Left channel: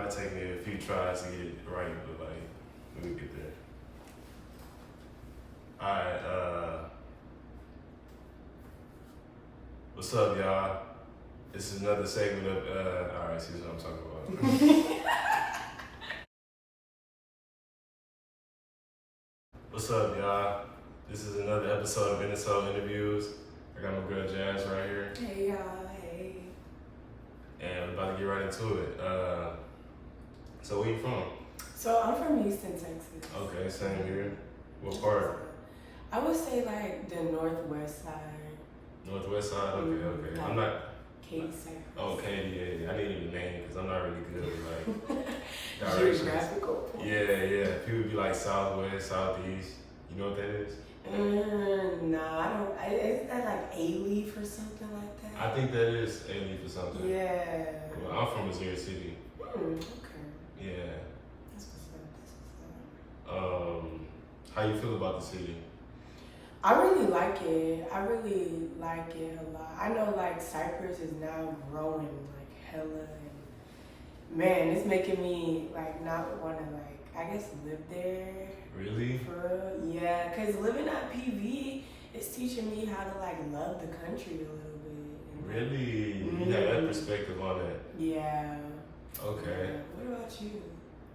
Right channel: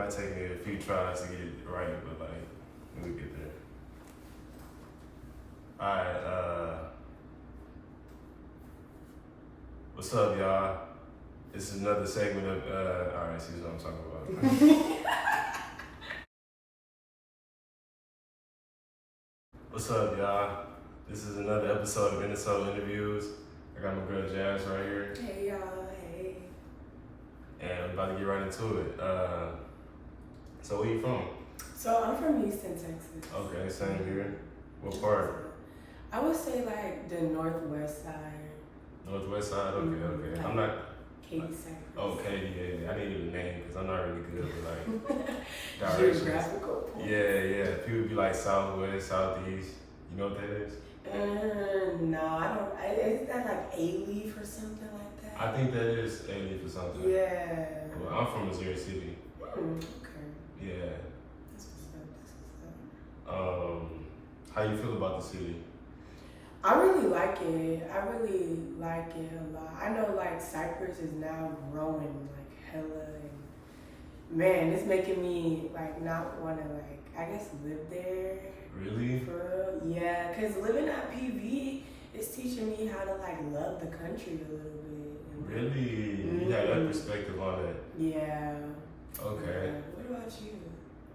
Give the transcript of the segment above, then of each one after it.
might take me a few tries to get it right, but like we'll get there. All right. What's up, y'all? This is another segment of. All right, see what I'm talking about. What's up, y'all? This is another episode of Innersole interviews. I got my girl Jazz right here. Hey y'all, hey. And we're about to get right into it. So where you from? So I'm from Houston, Texas. Okay, same here. What part? I would say like the northwest side. Northwest side? Okay. I'm not... Katy, Cypress. Oh, Katy, yeah. I needed a name because I'm not really good with like directions. Geographical points. Yeah. People be like southwest, southeast. You know what that is? No, I don't. Isn't that like A-Leaf or something like that? I think that is A-Leaf or something. Yeah. Well, I'm from Missouri City. Okay. Yeah. That's what's up. How you feel about the city? I really like it. I really like it a lot. I know like Cypress is now growing like hella, and man, it's making me like not want to like I guess live there. Really? For real, yeah. Cause living at PV is teaching me how to like love the country a little bit. Really? Mm-hmm. You had that perspective on it. Yeah. Okay. Yeah. What about you?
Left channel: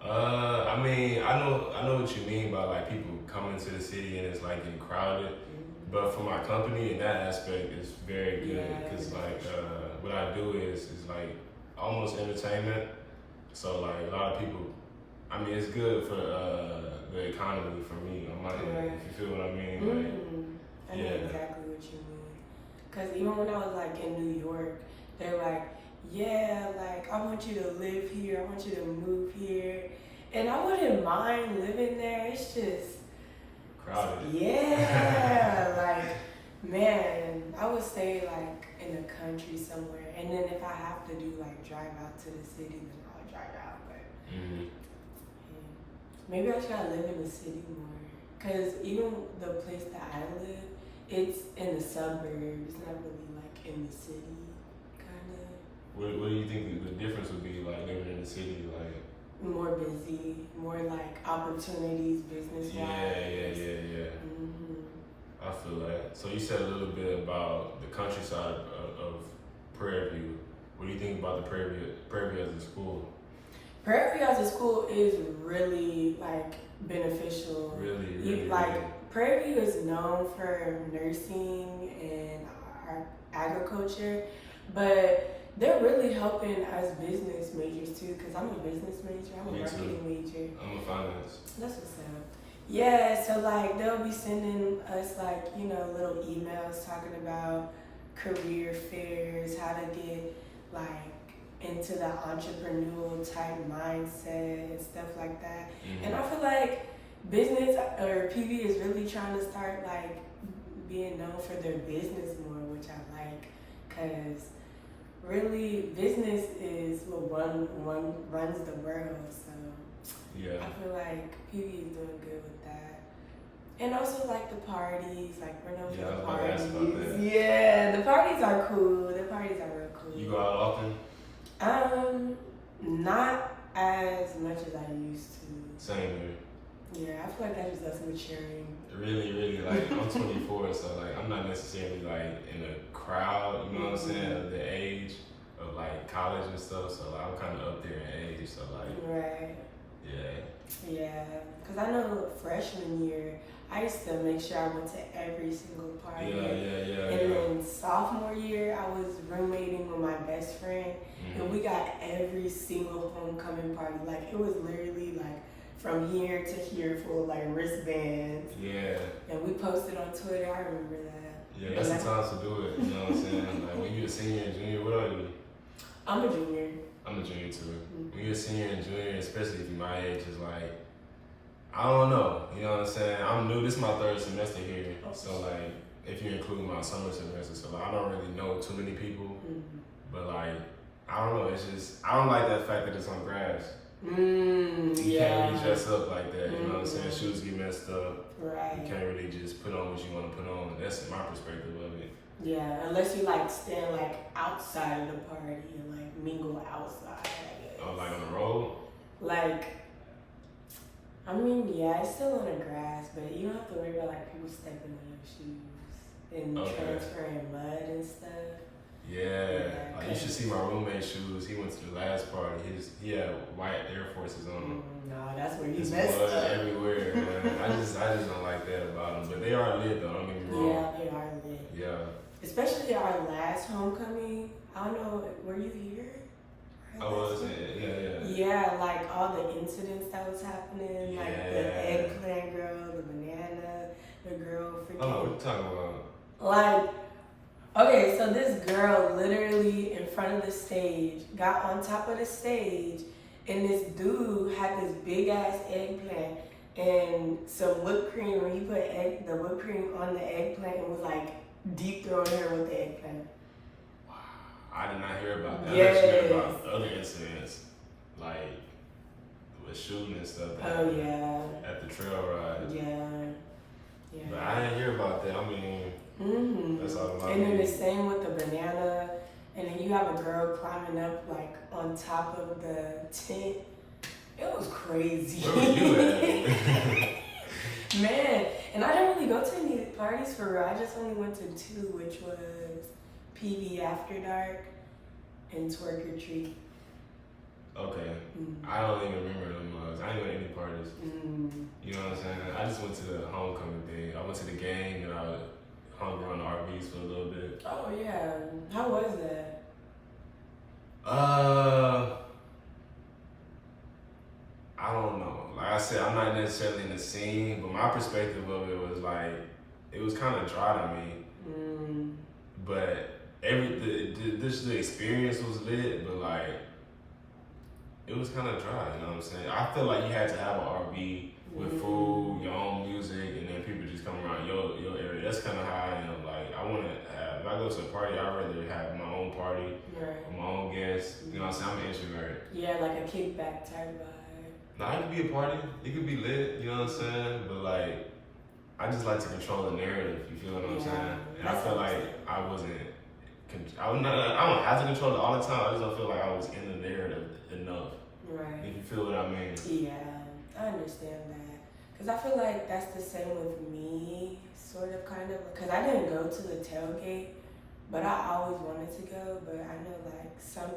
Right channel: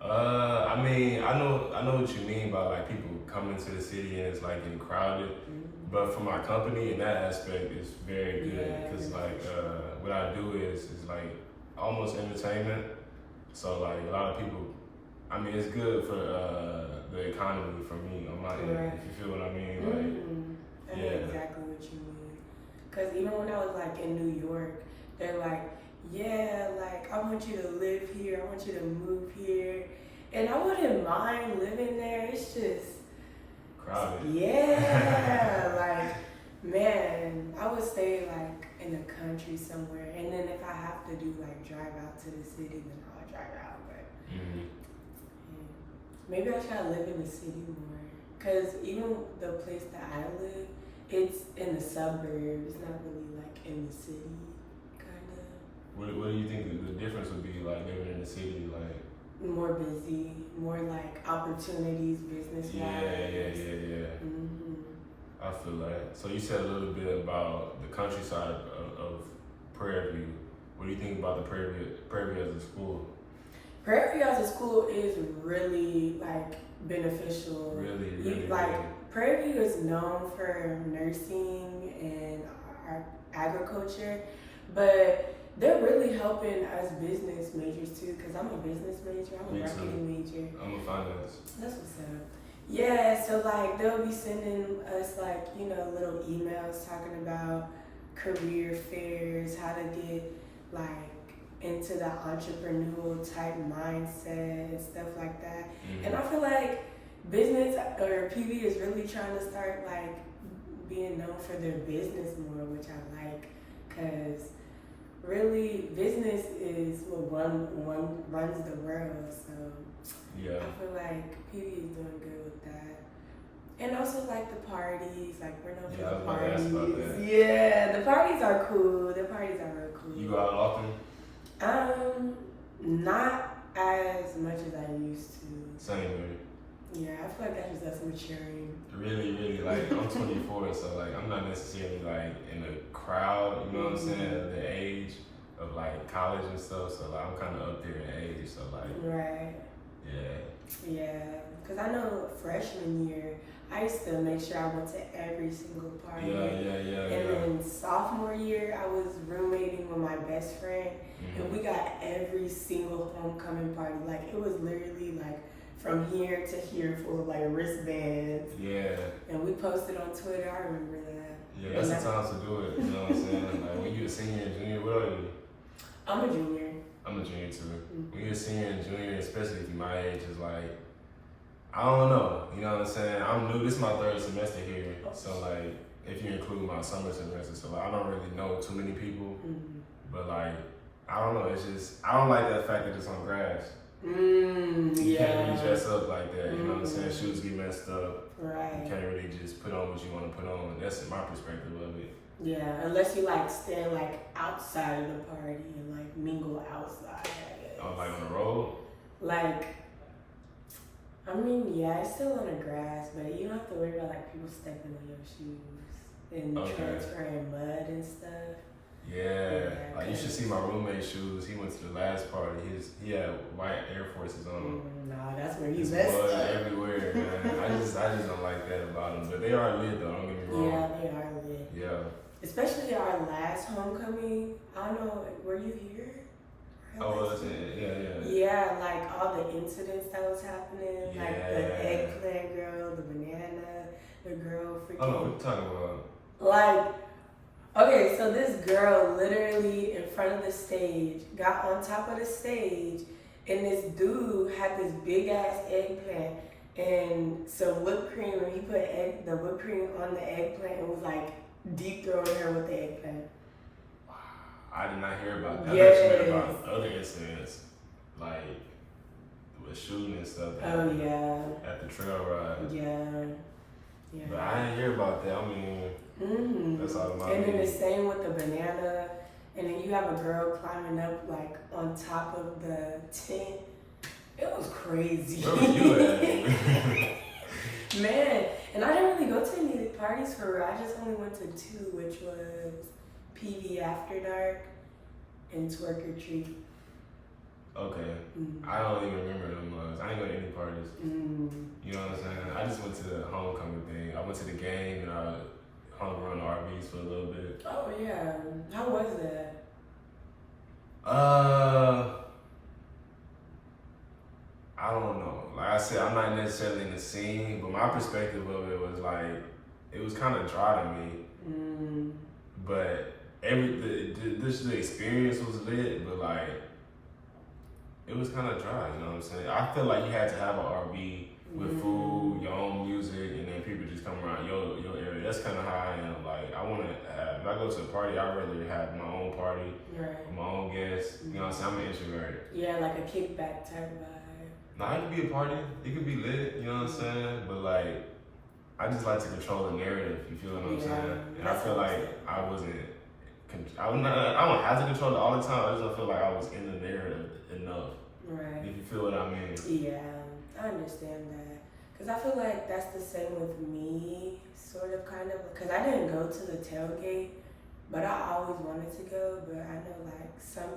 I mean, I know what you mean by like people coming to the city and it's like getting crowded. Mm-hmm. But for my company in that aspect, it's very good Yeah, because like what I do is like almost entertainment. So like a lot of people, I mean, it's good for the economy for me on my end. Right. If you feel what I mean. Mm-hmm. I know exactly what you mean. Cause even when I was like in New York, they're like, yeah, like I want you to live here. I want you to move here, and I wouldn't mind living there. It's just Crowded. Yeah, like man, I would stay like in the country somewhere, and then if I have to do like drive out to the city, then I'll drive out. But Mm-hmm. yeah. Maybe I try to live in the city more, cause even the place that I live, it's in the suburbs. It's not really like in the city, kind of. What do you think the difference would be like living in the city, like? More busy, more like opportunities, business wise. Yeah. Mm-hmm. I feel that. So you said a little bit about the countryside of Prairie View. What do you think about the Prairie View as a school? Prairie View as a school is really like beneficial. Really. Like Prairie View is known for nursing and agriculture, but they're really helping us business majors too. Cause I'm a business major. I'm a marketing major. I'm a finance. That's what's up. Yeah, so like they'll be sending us like, you know, little emails talking about career fairs, how to get like into the entrepreneurial type mindset and stuff like that. Mm-hmm. And I feel like business or PV is really trying to start like being known for their business more, which I like, cause really business is what one runs the world. So yeah, I feel like PV is doing good with that. And also like the parties, like we're known for the parties. About that. Yeah, the parties are cool. The parties are real cool. You go out often? Not as much as I used to. Same here. Yeah, I feel like that's just us maturing. Really, like I'm 24, so like I'm not necessarily like in a crowd, you know what I'm saying, at the age of like college and stuff, so like I'm kind of up there in age, so like. Right. Yeah, because I know freshman year, I used to make sure I went to every single party. Yeah. And then sophomore year, I was roommating with my best friend, and we got every single homecoming party. Like it was literally like from here to here full of like wristbands. Yeah. And we posted on Twitter. I remember that. Yeah, that's the time to do it. You know what I'm saying? Like when you're a senior and junior, what are you? I'm a junior. I'm a junior too. When you're a senior and junior, especially if you're my age, is like, I don't know. You know what I'm saying? I'm new. This is my third semester here. So like, if you include my summer semester, so like, I don't really know too many people. But like, I don't know. It's just, I don't like that fact that it's on grass. You can't really dress up like that. You know what I'm saying? Shoes get messed up. Right. You can't really just put on what you want to put on. That's my perspective of it. Yeah, unless you like stand like outside of the party and like mingle outside. Oh, like on the road? mean, yeah, it's still on the grass, but you don't have to worry about like people stepping on your shoes and transferring mud and stuff. Yeah, like you should see my roommate's shoes. He went to the last party. He had white Air Forces on him. No, that's where he's messed up. Everywhere, man. I just don't like that about them. But they are lit though. Don't get me wrong. Yeah, they are lit. Yeah. Especially our last homecoming. I don't know. Were you here? I was. Yeah. Yeah, like all the incidents that was happening, like the eggplant girl, the banana, the girl freaking. Oh, what you talking about? Like. Okay, so this girl literally in front of the stage got on top of the stage, and this dude had this big ass eggplant and some whipped cream. When he put the whipped cream on the eggplant, it was like deep throwing her with the eggplant. Wow, I did not hear about that. Yes. I actually heard about other incidents, like with shooting and stuff. At the trail ride. Yeah. But I didn't hear about that. I mean. That's all about. And then the same with the banana, and then you have a girl climbing up like on top of the tent. It was crazy. Where were you at? Man, and I didn't really go to any parties for real. I just only went to 2, which was PV After Dark and Twerk or Treat. Okay. I don't even remember them mugs. I ain't go to any parties. You know what I'm saying? I just went to the homecoming thing. I went to the game and I hung around the RVs for a little bit. Oh yeah. How was that? I don't know. Like I said, I'm not necessarily in the scene, but my perspective of it was like, it was kind of dry to me. But the experience was lit, but like, it was kind of dry, you know what I'm saying? I feel like you had to have an RV with food, your own music, and then people just come around your area. That's kind of how I am. Like, I want to have, if I go to a party, I'd rather have my own party, my own guests. You know what I'm saying? I'm an introvert. Yeah, like a kickback type vibe. No, it could be a party. It could be lit, you know what I'm saying? But like, I just like to control the narrative, you feel what I'm saying? And I feel like I don't have to control it all the time. I just don't feel like I was in the narrative enough. Right. If you feel what I mean. Yeah, I understand that. Because I feel like that's the same with me, sort of, kind of. Because I didn't go to the tailgate, but I always wanted to go. But I know, like,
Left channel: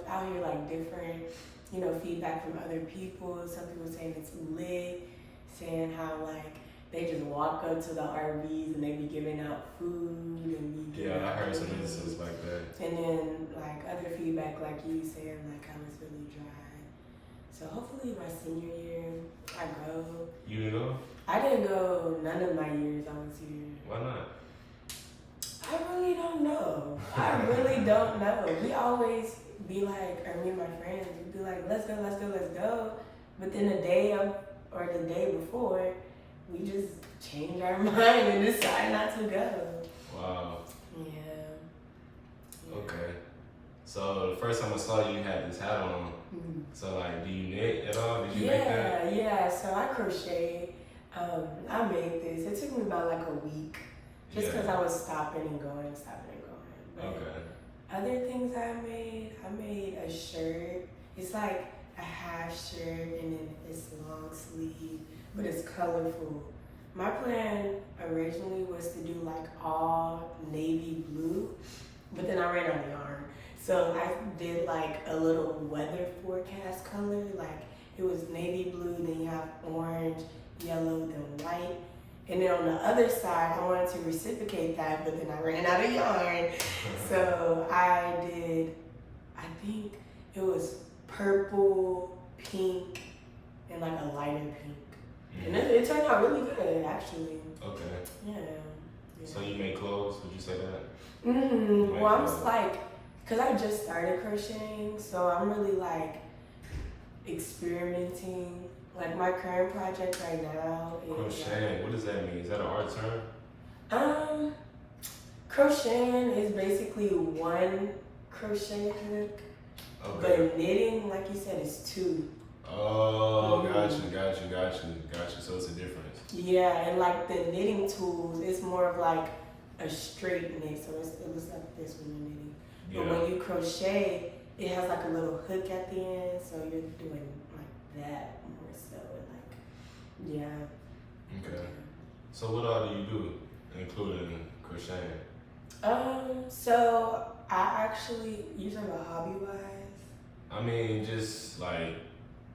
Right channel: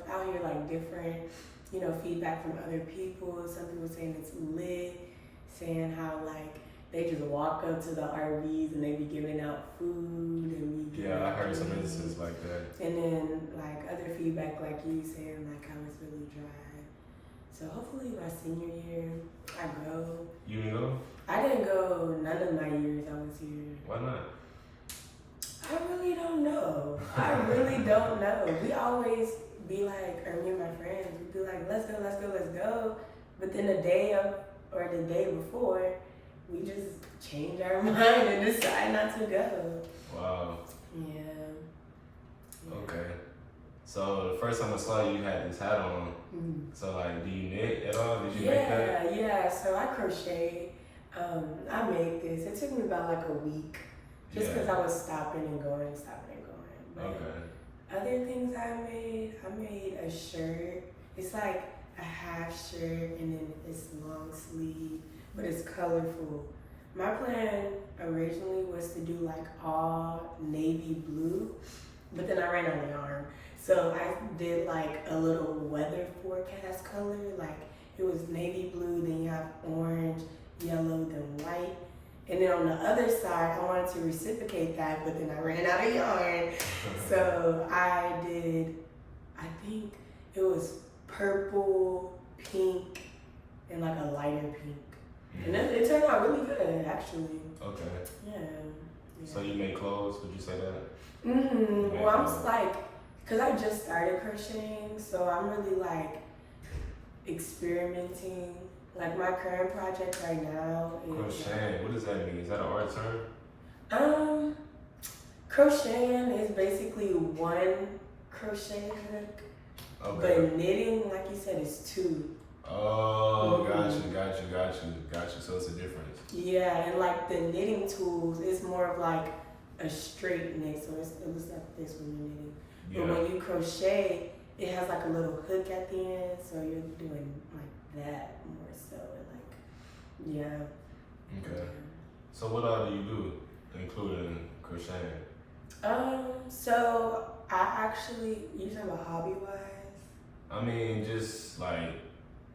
out here, like, different, you know, feedback from other people. Some people saying it's lit, saying how, like, they just walk up to the RVs and they be giving out food and be I heard some instances like that. And then, like, other feedback, like you saying, like, how it's really dry. So hopefully my senior year, I go. You didn't go? I didn't go none of my years I was here. Why not? I really don't know. I really don't know. We always be like, or me and my friends, we'd be like, let's go. But then the day of, or the day before, we just change our mind and decide not to go. Wow. Yeah. Okay. So the first time I saw you, you had this hat on. So like, do you knit at all? Did you make that? Yeah. So I crochet. I made this. It took me about like a week, just because I was stopping and going. But other things I made a shirt. It's like a half shirt and then it's long sleeve, but it's colorful. My plan originally was to do like all navy blue, but then I ran out of yarn. So I did like a little weather forecast color, like it was navy blue, then you have orange, yellow, then white. And then on the other side, I wanted to reciprocate that, but then I ran out of yarn. So I did, I think it was purple, pink, and like a lighter pink. And then it turned out really good, actually. Okay. Yeah. So you make clothes? Would you say that? Well, I'm just like, cause I just started crocheting, so I'm really like experimenting. Like my current project right now is crocheting. What does that mean? Is that an art term? Crocheting is basically one crochet hook, but knitting, like you said, is two. Oh, got you. So it's a difference. Yeah, and like the knitting tools, it's more of like a straight knit, so it was like this when you're knitting. Yeah. But when you crochet, it has like a little hook at the end, so you're doing like that more so. Yeah. Okay. So what all do you do, including crocheting? So I actually, you talking about hobby wise? I mean, just like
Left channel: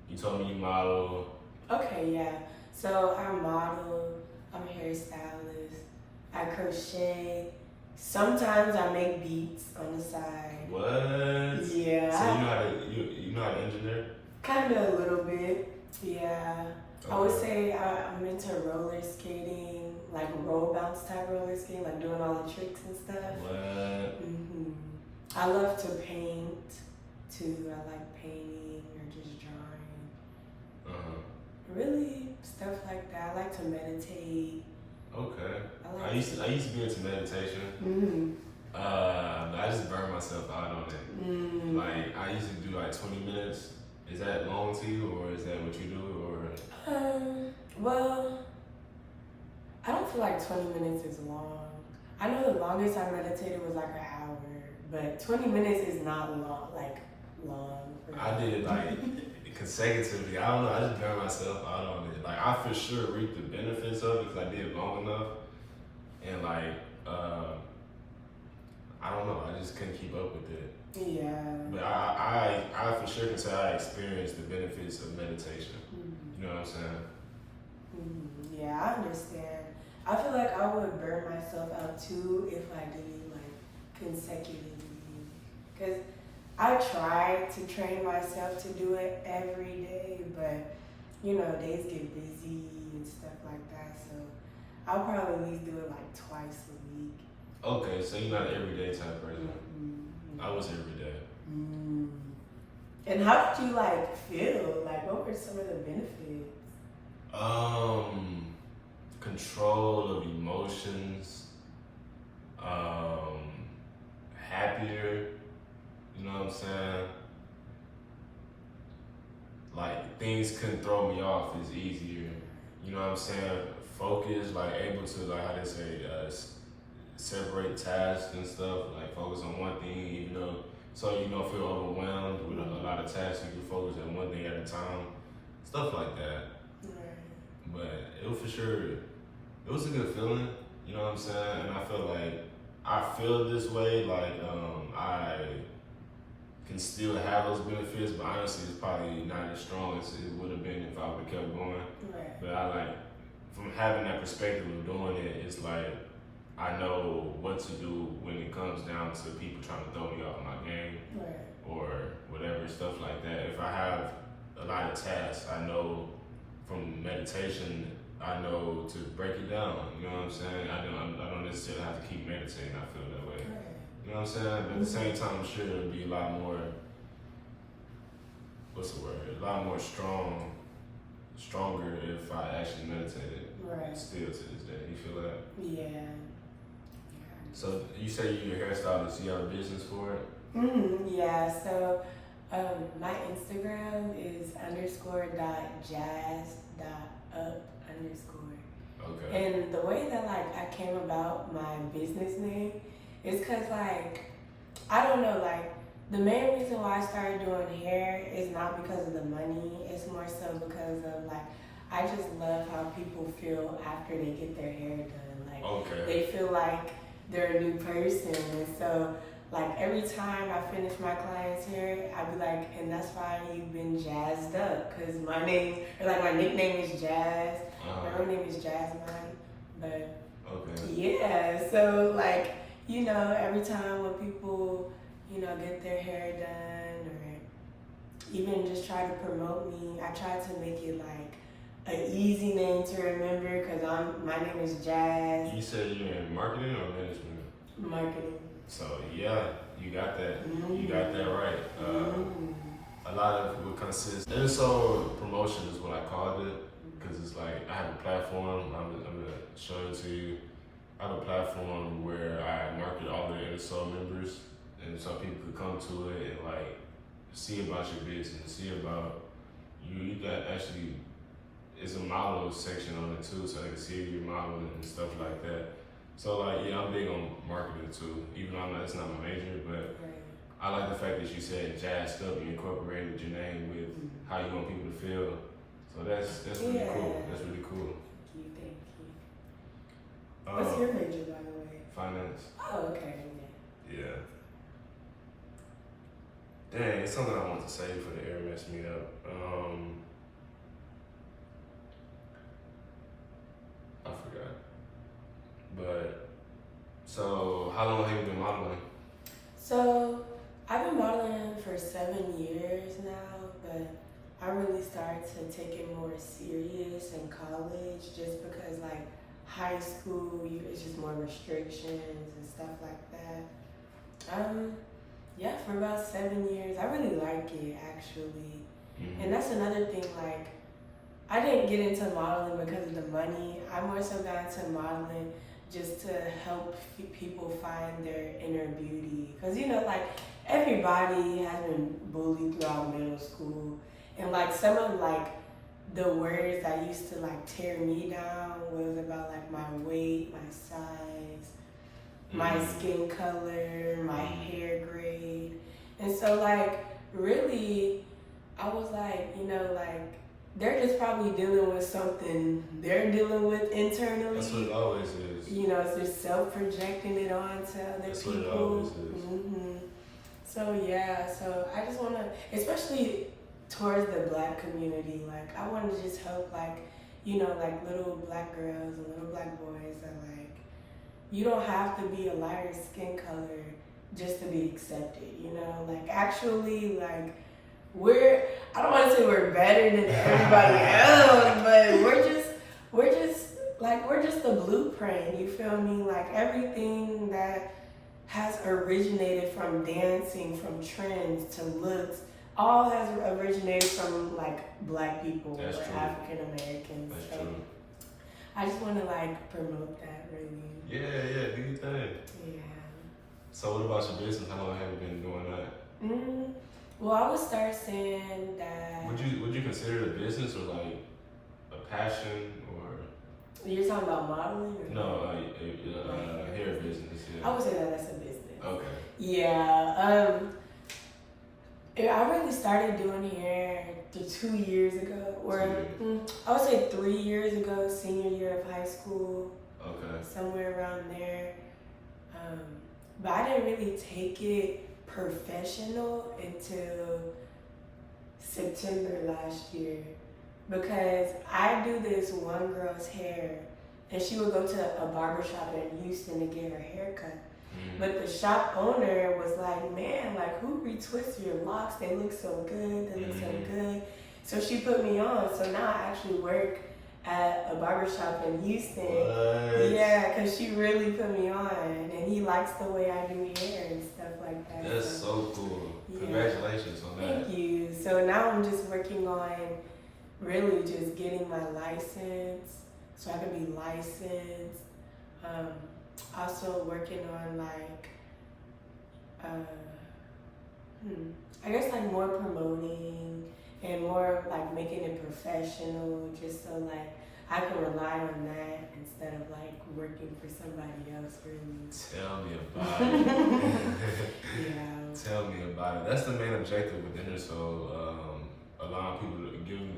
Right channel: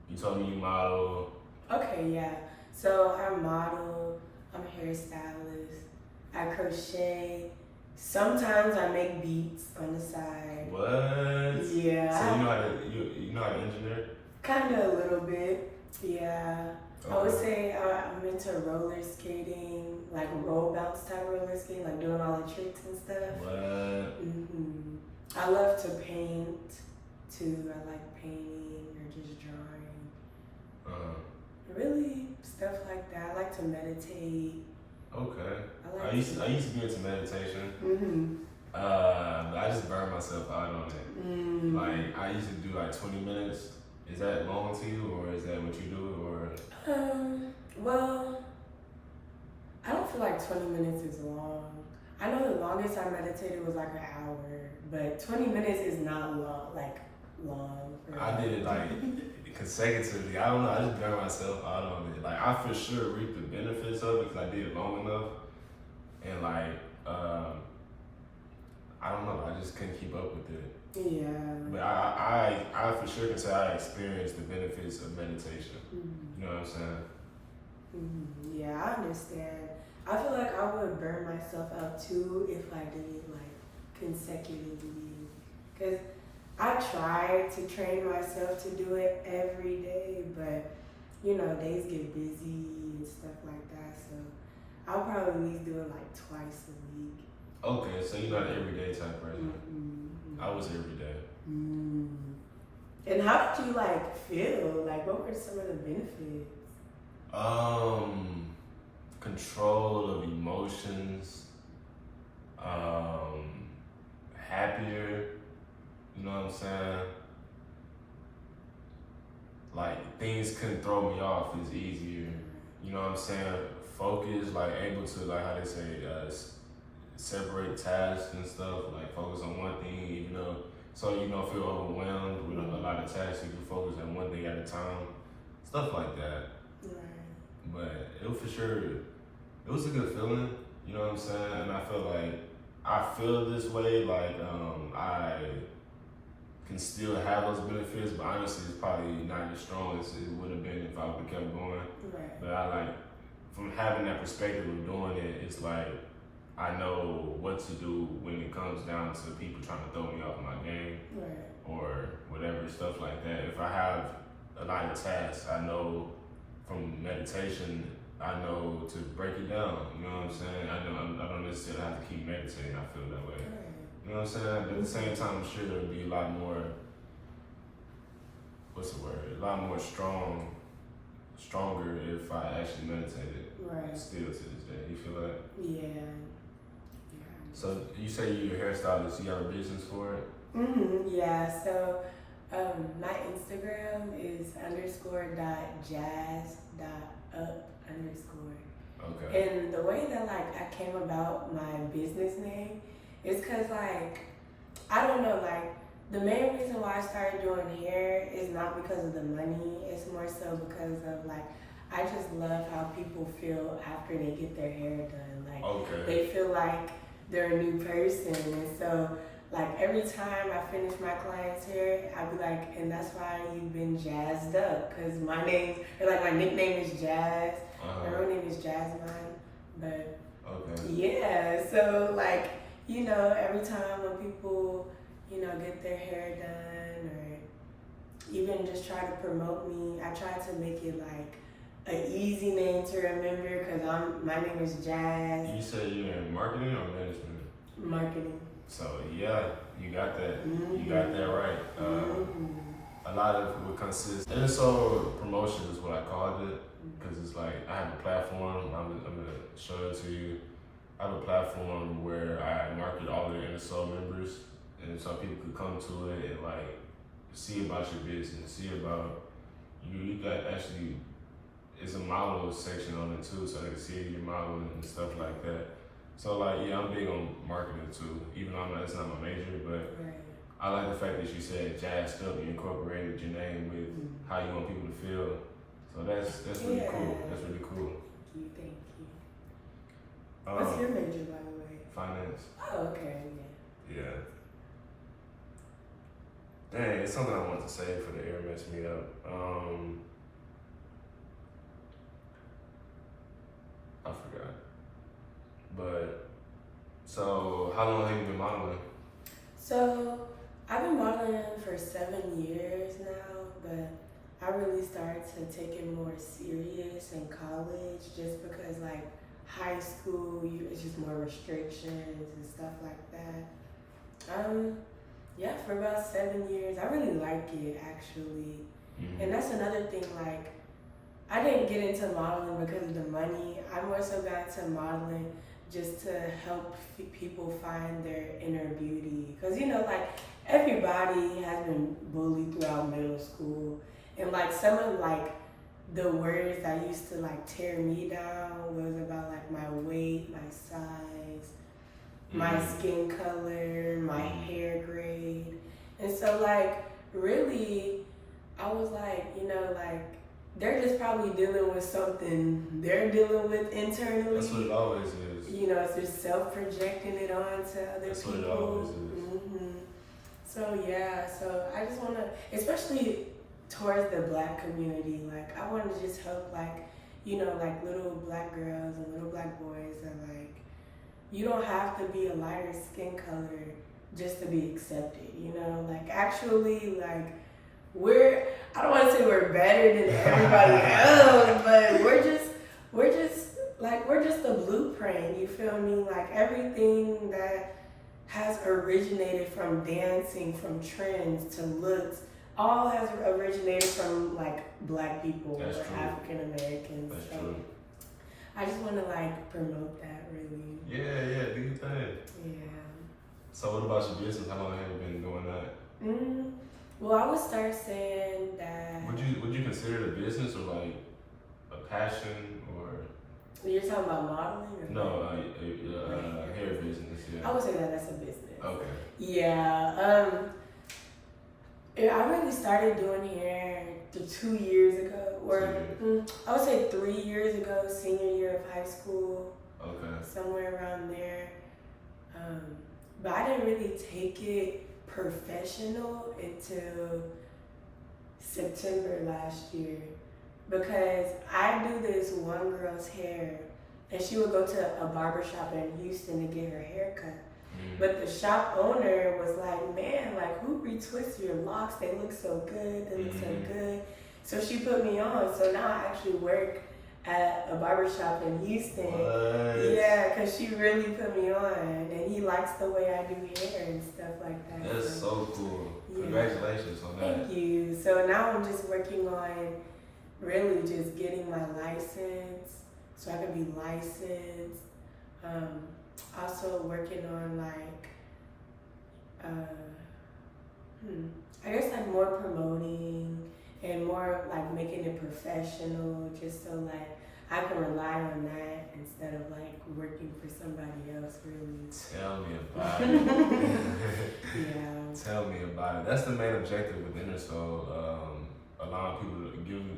you told me you model. Okay, yeah. So I model, I'm a hairstylist, I crochet. Sometimes I make beats on the side. What? Yeah. So you know how to engineer? Kind of a little bit. Yeah. I would Okay. say I'm into roller skating, like roll bounce type roller skating, like doing all the tricks and stuff. What? I love to paint too. I like painting or just drawing. Really, stuff like that. I like to meditate. Okay. I I used to be into meditation. But I just burned myself out on it. Like I used to do like 20 minutes. Is that long to you, or is that what you do, or? Well, I don't feel like 20 minutes is long. I know the longest I meditated was like an hour, but 20 minutes is not long. Like long. I did it like consecutively. I don't know. I just burned myself out on it. Like I for sure reaped the benefits of it because I did it long enough, and like I don't know. I just couldn't keep up with it. Yeah. But I for sure can say I experienced the benefits of meditation. You know what I'm saying? Yeah, I understand. I feel like I would burn myself out too if I did it like consecutively. Cause I try to train myself to do it every day, but you know, days get busy and stuff like that. So I'll probably at least do it like twice a week. Okay, so you're not an everyday type person. I was every day. And how did you like feel? Like, what were some of the benefits? Control of emotions, happier, you know what I'm saying? Like things couldn't throw me off as easier, you know what I'm saying? Focus, like able to, like how they say, separate tasks and stuff, like focus on one thing, even though, so you don't feel overwhelmed with a lot of tasks, you can focus on one thing at a time, stuff like that. But it was for sure, it was a good feeling, you know what I'm saying? And I feel like I feel this way, like I can still have those benefits, but honestly, it's probably not as strong as it would have been if I would have kept going. But I like, from having that perspective of doing it, it's like I know what to do when it comes down to people trying to throw me off my game or whatever, stuff like that. If I have a lot of tasks, I know from meditation, I know to break it down, you know what I'm saying? I don't necessarily have to keep meditating, I feel that way. You know what I'm saying? But at the same time, I'm sure it'll be a lot more, what's the word? A lot more stronger if I actually meditated. Still to this day. You feel that? Yeah. So you say you're a hairstylist, you have a business for it? Yeah, so my Instagram is _.jazz.up_. Okay. And the way that like I came about my business name is because like, I don't know, like the main reason why I started doing hair is not because of the money, it's more so because of like, I just love how people feel after they get their hair done. Like they feel like they're a new person. And so like every time I finish my client's hair, I'd be like, and that's why you've been jazzed up. Cause my name, or like my nickname is Jazz. My real name is Jasmine. But yeah, so like, you know, every time when people, you know, get their hair done or even just try to promote me, I try to make it like an easy name to remember because my name is Jazz. You said you're in marketing or management? Marketing. So yeah, you got that. You got that right. A lot of what consists, Innersole promotion is what I called it, because it's like I have a platform. I'm gonna show it to you. I have a platform where I market all the Innersole members, and so people could come to it and like see about your business, see about you. You got actually, it's a model section on it too, so they can see your model and stuff like that. So like, yeah, I'm big on marketing too, even though it's not my major, but I like the fact that you said jazzed up, you incorporated your name with how you want people to feel. So that's really cool. That's really cool. Thank you. What's your major, by the way? Finance. Oh, okay. Yeah. Dang, it's something I want to say for the Airmess meetup. I forgot. But so, how long have you been modeling? So I've been modeling for 7 years now, but I really started to take it more serious in college, just because like high school, it's just more restrictions and stuff like that. Yeah, for about 7 years, I really like it actually. And that's another thing, like, I didn't get into modeling because of the money. I more so got into modeling just to help people find their inner beauty. Because, you know, like, everybody has been bullied throughout middle school. And, like, some of, like, the words that used to, like, tear me down was about, like, my weight, my size, my skin color, my hair grade. And so, like, really, I was like, you know, like, they're just probably dealing with something they're dealing with internally. That's what it always is. You know, it's just self-projecting it onto other That's people. What it always is. So, yeah, so I just want to, especially towards the Black community, like, I want to just help, like, you know, like, little Black girls and little Black boys that, like, you don't have to be a lighter skin color just to be accepted, you know? Like, actually, like, I don't want to say we're better than everybody else, but we're just a blueprint, you feel me? Like, everything that has originated from dancing, from trends to looks, all has originated from, like, Black people or African Americans. That's true. I just want to, like, promote that, really. Yeah, do your thing. Yeah. So what about your business? How long have you been doing that? Well, I would start saying that. Would you consider it a business or like a passion or? You're talking about modeling? Or no, hair business. Yeah. I would say that that's a business. Okay. Yeah. I really started doing hair 2 years ago, or I would say 3 years ago, senior year of high school. Okay. Somewhere around there. But I didn't really take it professional until September last year, because I do this one girl's hair, and she would go to a barbershop in Houston to get her hair cut. But the shop owner was like, man, like, who retwists your locks? They look so good. They look so good. So she put me on. So now I actually work at a barbershop in Houston. What? Yeah, because she really put me on. And he likes the way I do hair and stuff like that. That's so cool. Yeah. Congratulations on that. Thank you. So now I'm just working on really just getting my license so I can be licensed. Also working on, like, I guess, like, more promoting and more, like, making it professional, just so, like, I can rely on that instead of, like, working for somebody else, really. Tell me about it. Yeah. Tell me about it. That's the main objective with Innersole, allowing people to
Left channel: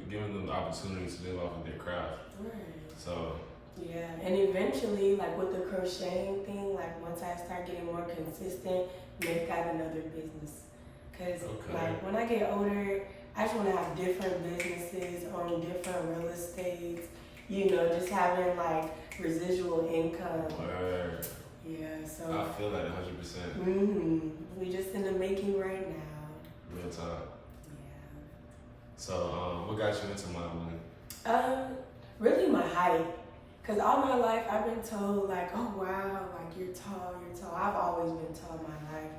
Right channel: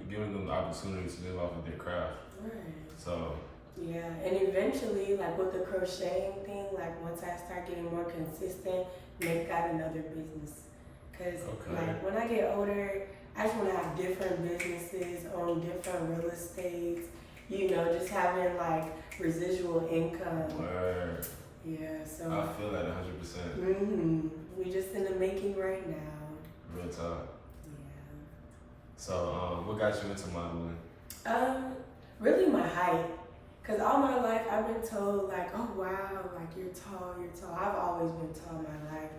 giving them the opportunity to live off of their craft. Right. So. Yeah, and eventually, like, with the crocheting thing, like, once I start getting more consistent, make that another business. Because, like, when I get older, I just want to have different businesses, own different real estates, you know, just having, like, residual income. Word. Yeah, so. I feel that 100%. We just in the making right now. Real talk. Yeah. So, what got you into modeling? Really my height. Because all my life I've been told, like, oh wow, like, you're tall. I've always been tall my life.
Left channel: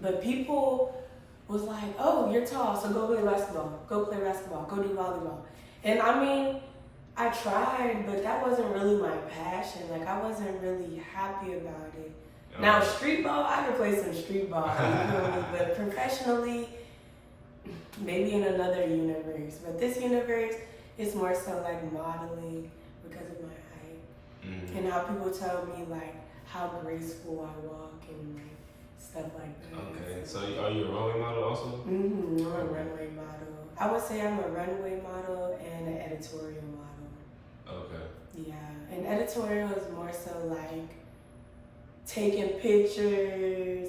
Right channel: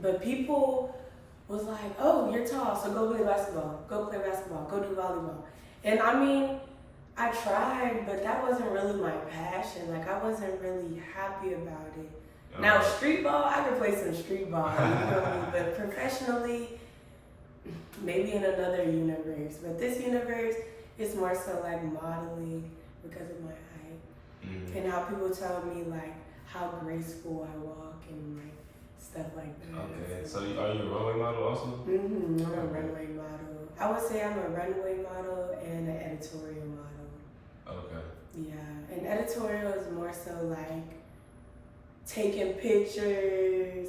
But people was like, oh, you're tall, so go play basketball, go do volleyball. And I mean, I tried, but that wasn't really my passion. Like, I wasn't really happy about it. Okay. Now, street ball, I could play some street ball, but professionally, maybe in another universe. But this universe is more so like modeling because of my height. And how people tell me, like, how graceful I walk and, like, stuff like that. Okay, so are you a runway model also? I'm a runway model. I would say I'm a runway model and an editorial more so like taking pictures,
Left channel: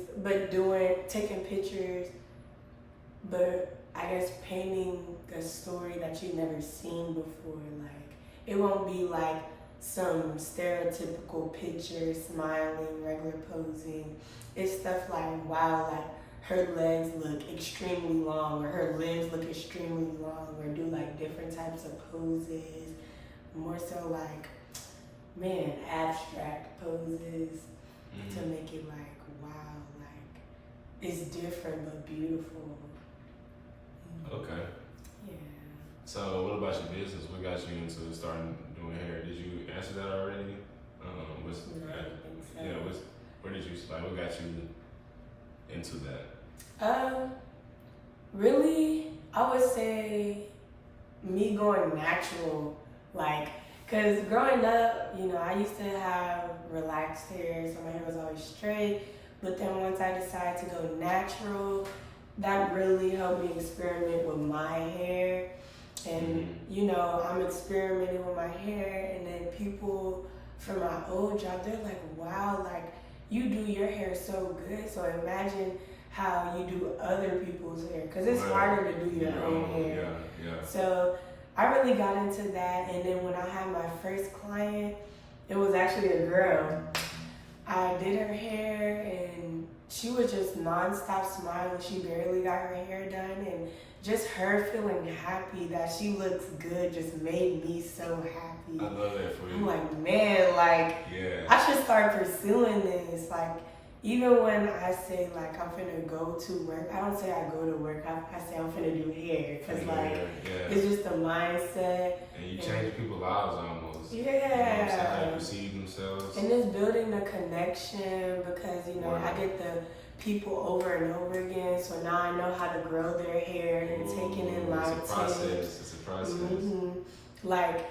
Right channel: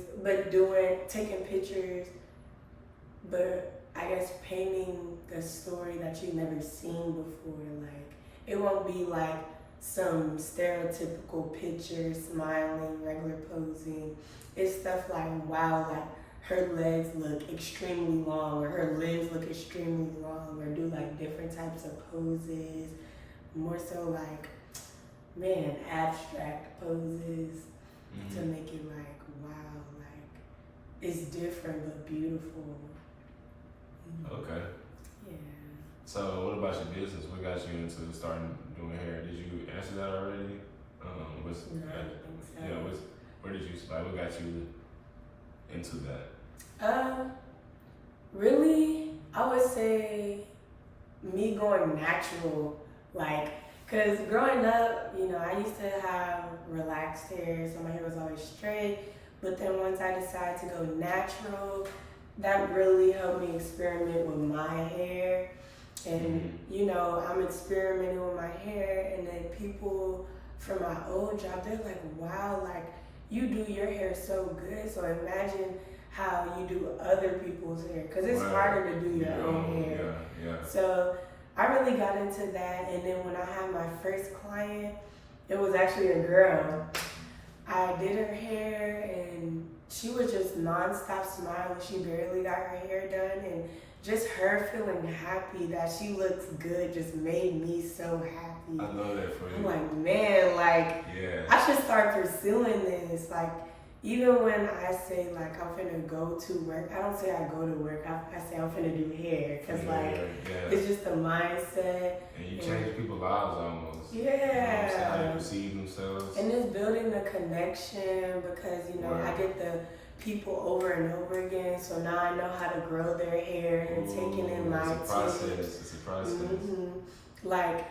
but I guess painting the story that you've never seen before. Like, it won't be like some stereotypical picture, smiling, regular posing. It's stuff like, wow, like her legs look extremely long, or her limbs look extremely long, or do like different types of poses. More so like, man, abstract poses to make it like, wow, like it's different but beautiful. Okay. Yeah. So what about your business? What got you into starting doing hair? Did you answer that already? No, I don't think so. Yeah, where did you, like, what got you into that? Really, I would say me going natural, like, cause growing up, you know, I used to have relaxed hair, so my hair was always straight. But then once I decided to go natural, that really helped me experiment with my hair. And you know, I'm experimenting with my hair, and then people from my old job, they're like, wow, like you do your hair so good. So imagine how you do other people's hair, because it's harder to do your own hair. Yeah. So I really got into that, and then when I had my first client, it was actually a girl. I did her hair, and she was just nonstop smiling. She barely got her hair done, and just her feeling happy that she looks good just made me so happy. I love that for you. I'm like, man, like, I should start pursuing this. Like, even when I say, like, I'm finna go to work, I don't say I go to work. I say I'm finna do hair. Because, like, it's just the mindset. And you change people's lives almost. Yeah. You know, how they perceive themselves. And it's building the connection, because, you know, I get the people over and over again, so now I know how to grow their hair and taking in my tips. It's a process. Like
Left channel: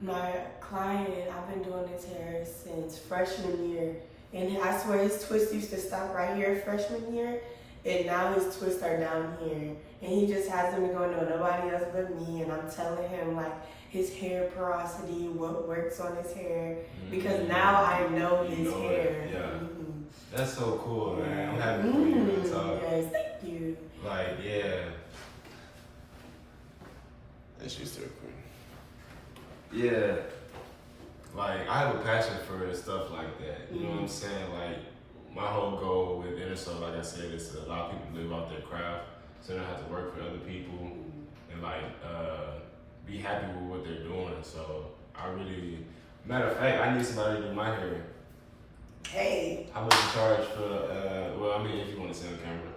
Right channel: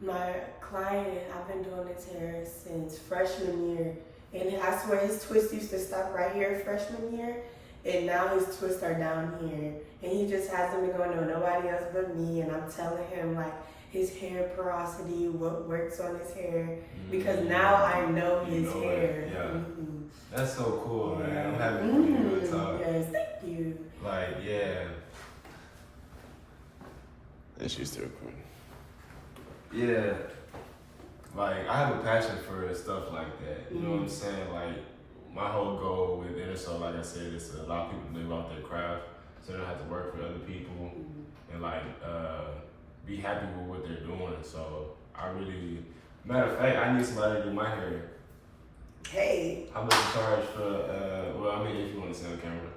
my client, I've been doing his hair since freshman year, and I swear his twists used to stop right here freshman year, and now his twists are down here, and he just hasn't been going to nobody else but me. And I'm telling him like his hair porosity, what works on his hair, because now I know his hair. That's so cool, man. I'm happy for you to talk. Yes, thank you. Like, and she's still cool. Yeah. Like, I have a passion for stuff like that. You know what I'm saying? Like, my whole goal with Innersole, like I said, is to allow people to live off their craft, so they don't have to work for other people, and like be happy with what they're doing. So I really, matter of fact, I need somebody to do my hair. Hey. How much you charge for? Well, I mean, if you want to say on camera,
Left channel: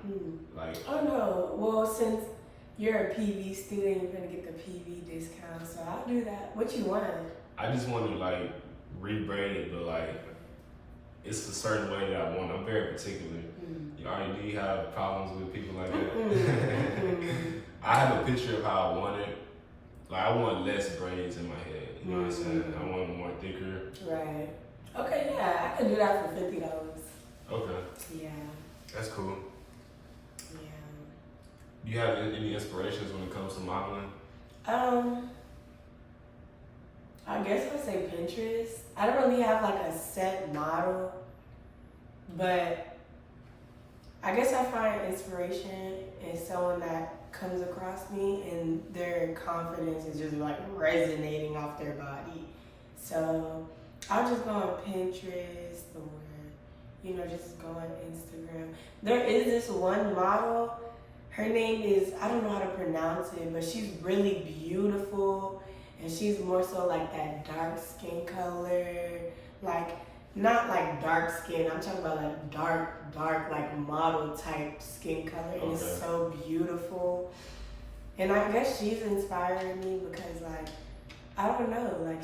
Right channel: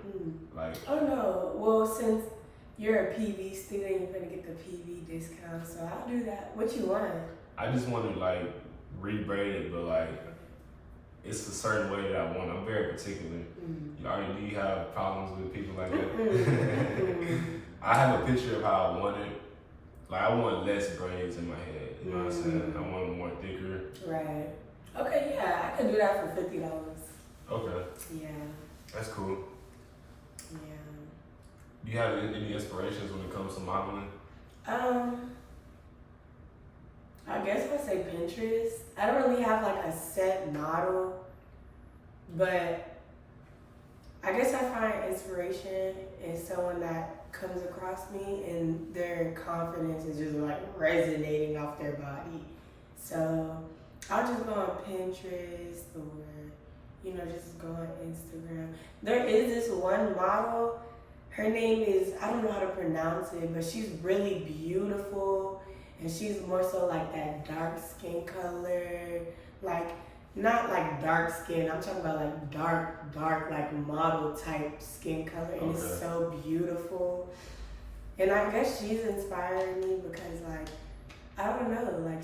like. Oh no. Well, since you're a PV student, you're gonna get the PV discount, so I'll do that. What you want? I just want to like rebraid it, but like it's a certain way that I want. I'm very particular. Do you have problems with people like that? I have a picture of how I want it. Like, I want less braids in my head. You know what I'm saying? I want them more thicker. Right. Okay, yeah, I can do that for $50. Okay. Yeah. That's cool. Yeah. Do you have any inspirations when it comes to modeling? I guess I'd say Pinterest. I don't really have like a set model, but I guess I find inspiration in someone that comes across me and their confidence is just like resonating off their body. So I'll just go on Pinterest, or, you know, just go on Instagram. There is this one model. Her name is, I don't know how to pronounce it, but she's really beautiful. And she's more so like that dark skin color, like not like dark skin. I'm talking about like dark, like model type skin color. And it's so beautiful. And I guess she's inspiring me because, like, I don't know, like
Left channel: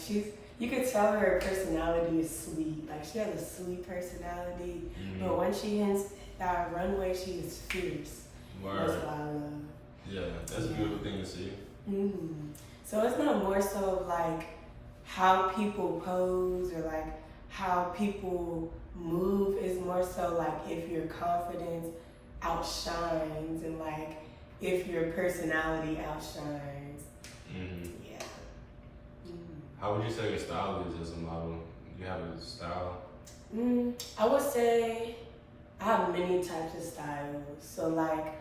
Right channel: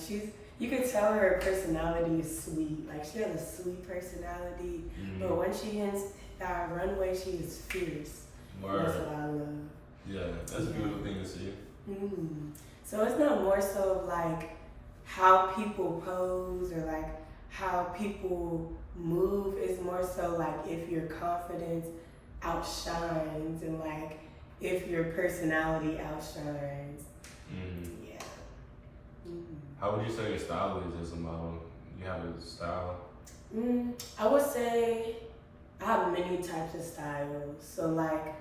you could tell her personality is sweet. Like, she has a sweet personality, but when she hits that runway, she is fierce. Word. That's what I love. Yeah, that's a beautiful thing to see. So it's not more so like how people pose or like how people move. It's more so like if your confidence outshines and like if your personality outshines. Yeah. How would you say your style is as a model? You have a style? I would say I have many types of styles. So like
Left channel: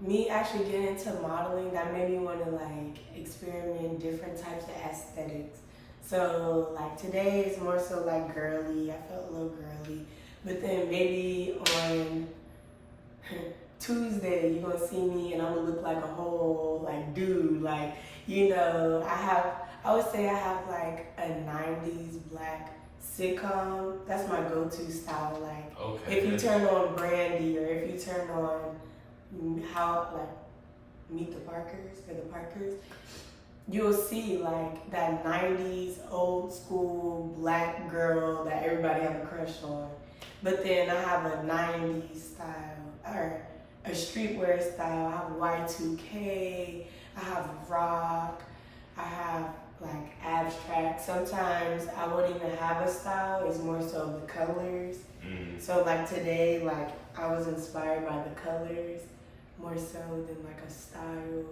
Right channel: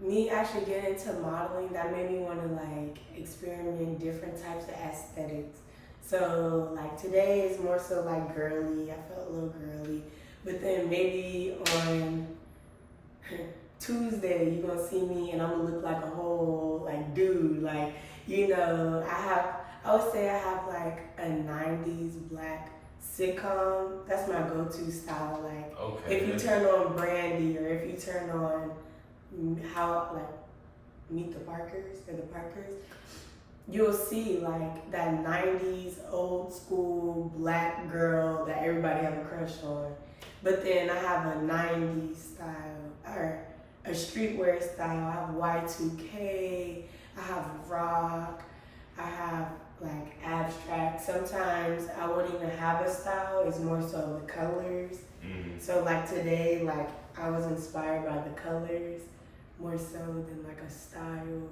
me actually getting into modeling, that made me want to like experiment different types of aesthetics. So like today is more so like girly. I felt a little girly, but then maybe on Tuesday you're gonna see me and I'm gonna look like a whole like dude. Like I would say I have like a '90s black sitcom. That's my go-to style. Like Okay. if you turn on Brandy or if you turn on how like Meet the Parkers or the Parkers, you'll see like that '90s old school black girl that everybody had a crush on. But then I have a '90s style or a streetwear style. I have Y2K. I have rock. I have like abstract. Sometimes I wouldn't even have a style. It's more so the colors. So like today, like I was inspired by the colors more so than like a style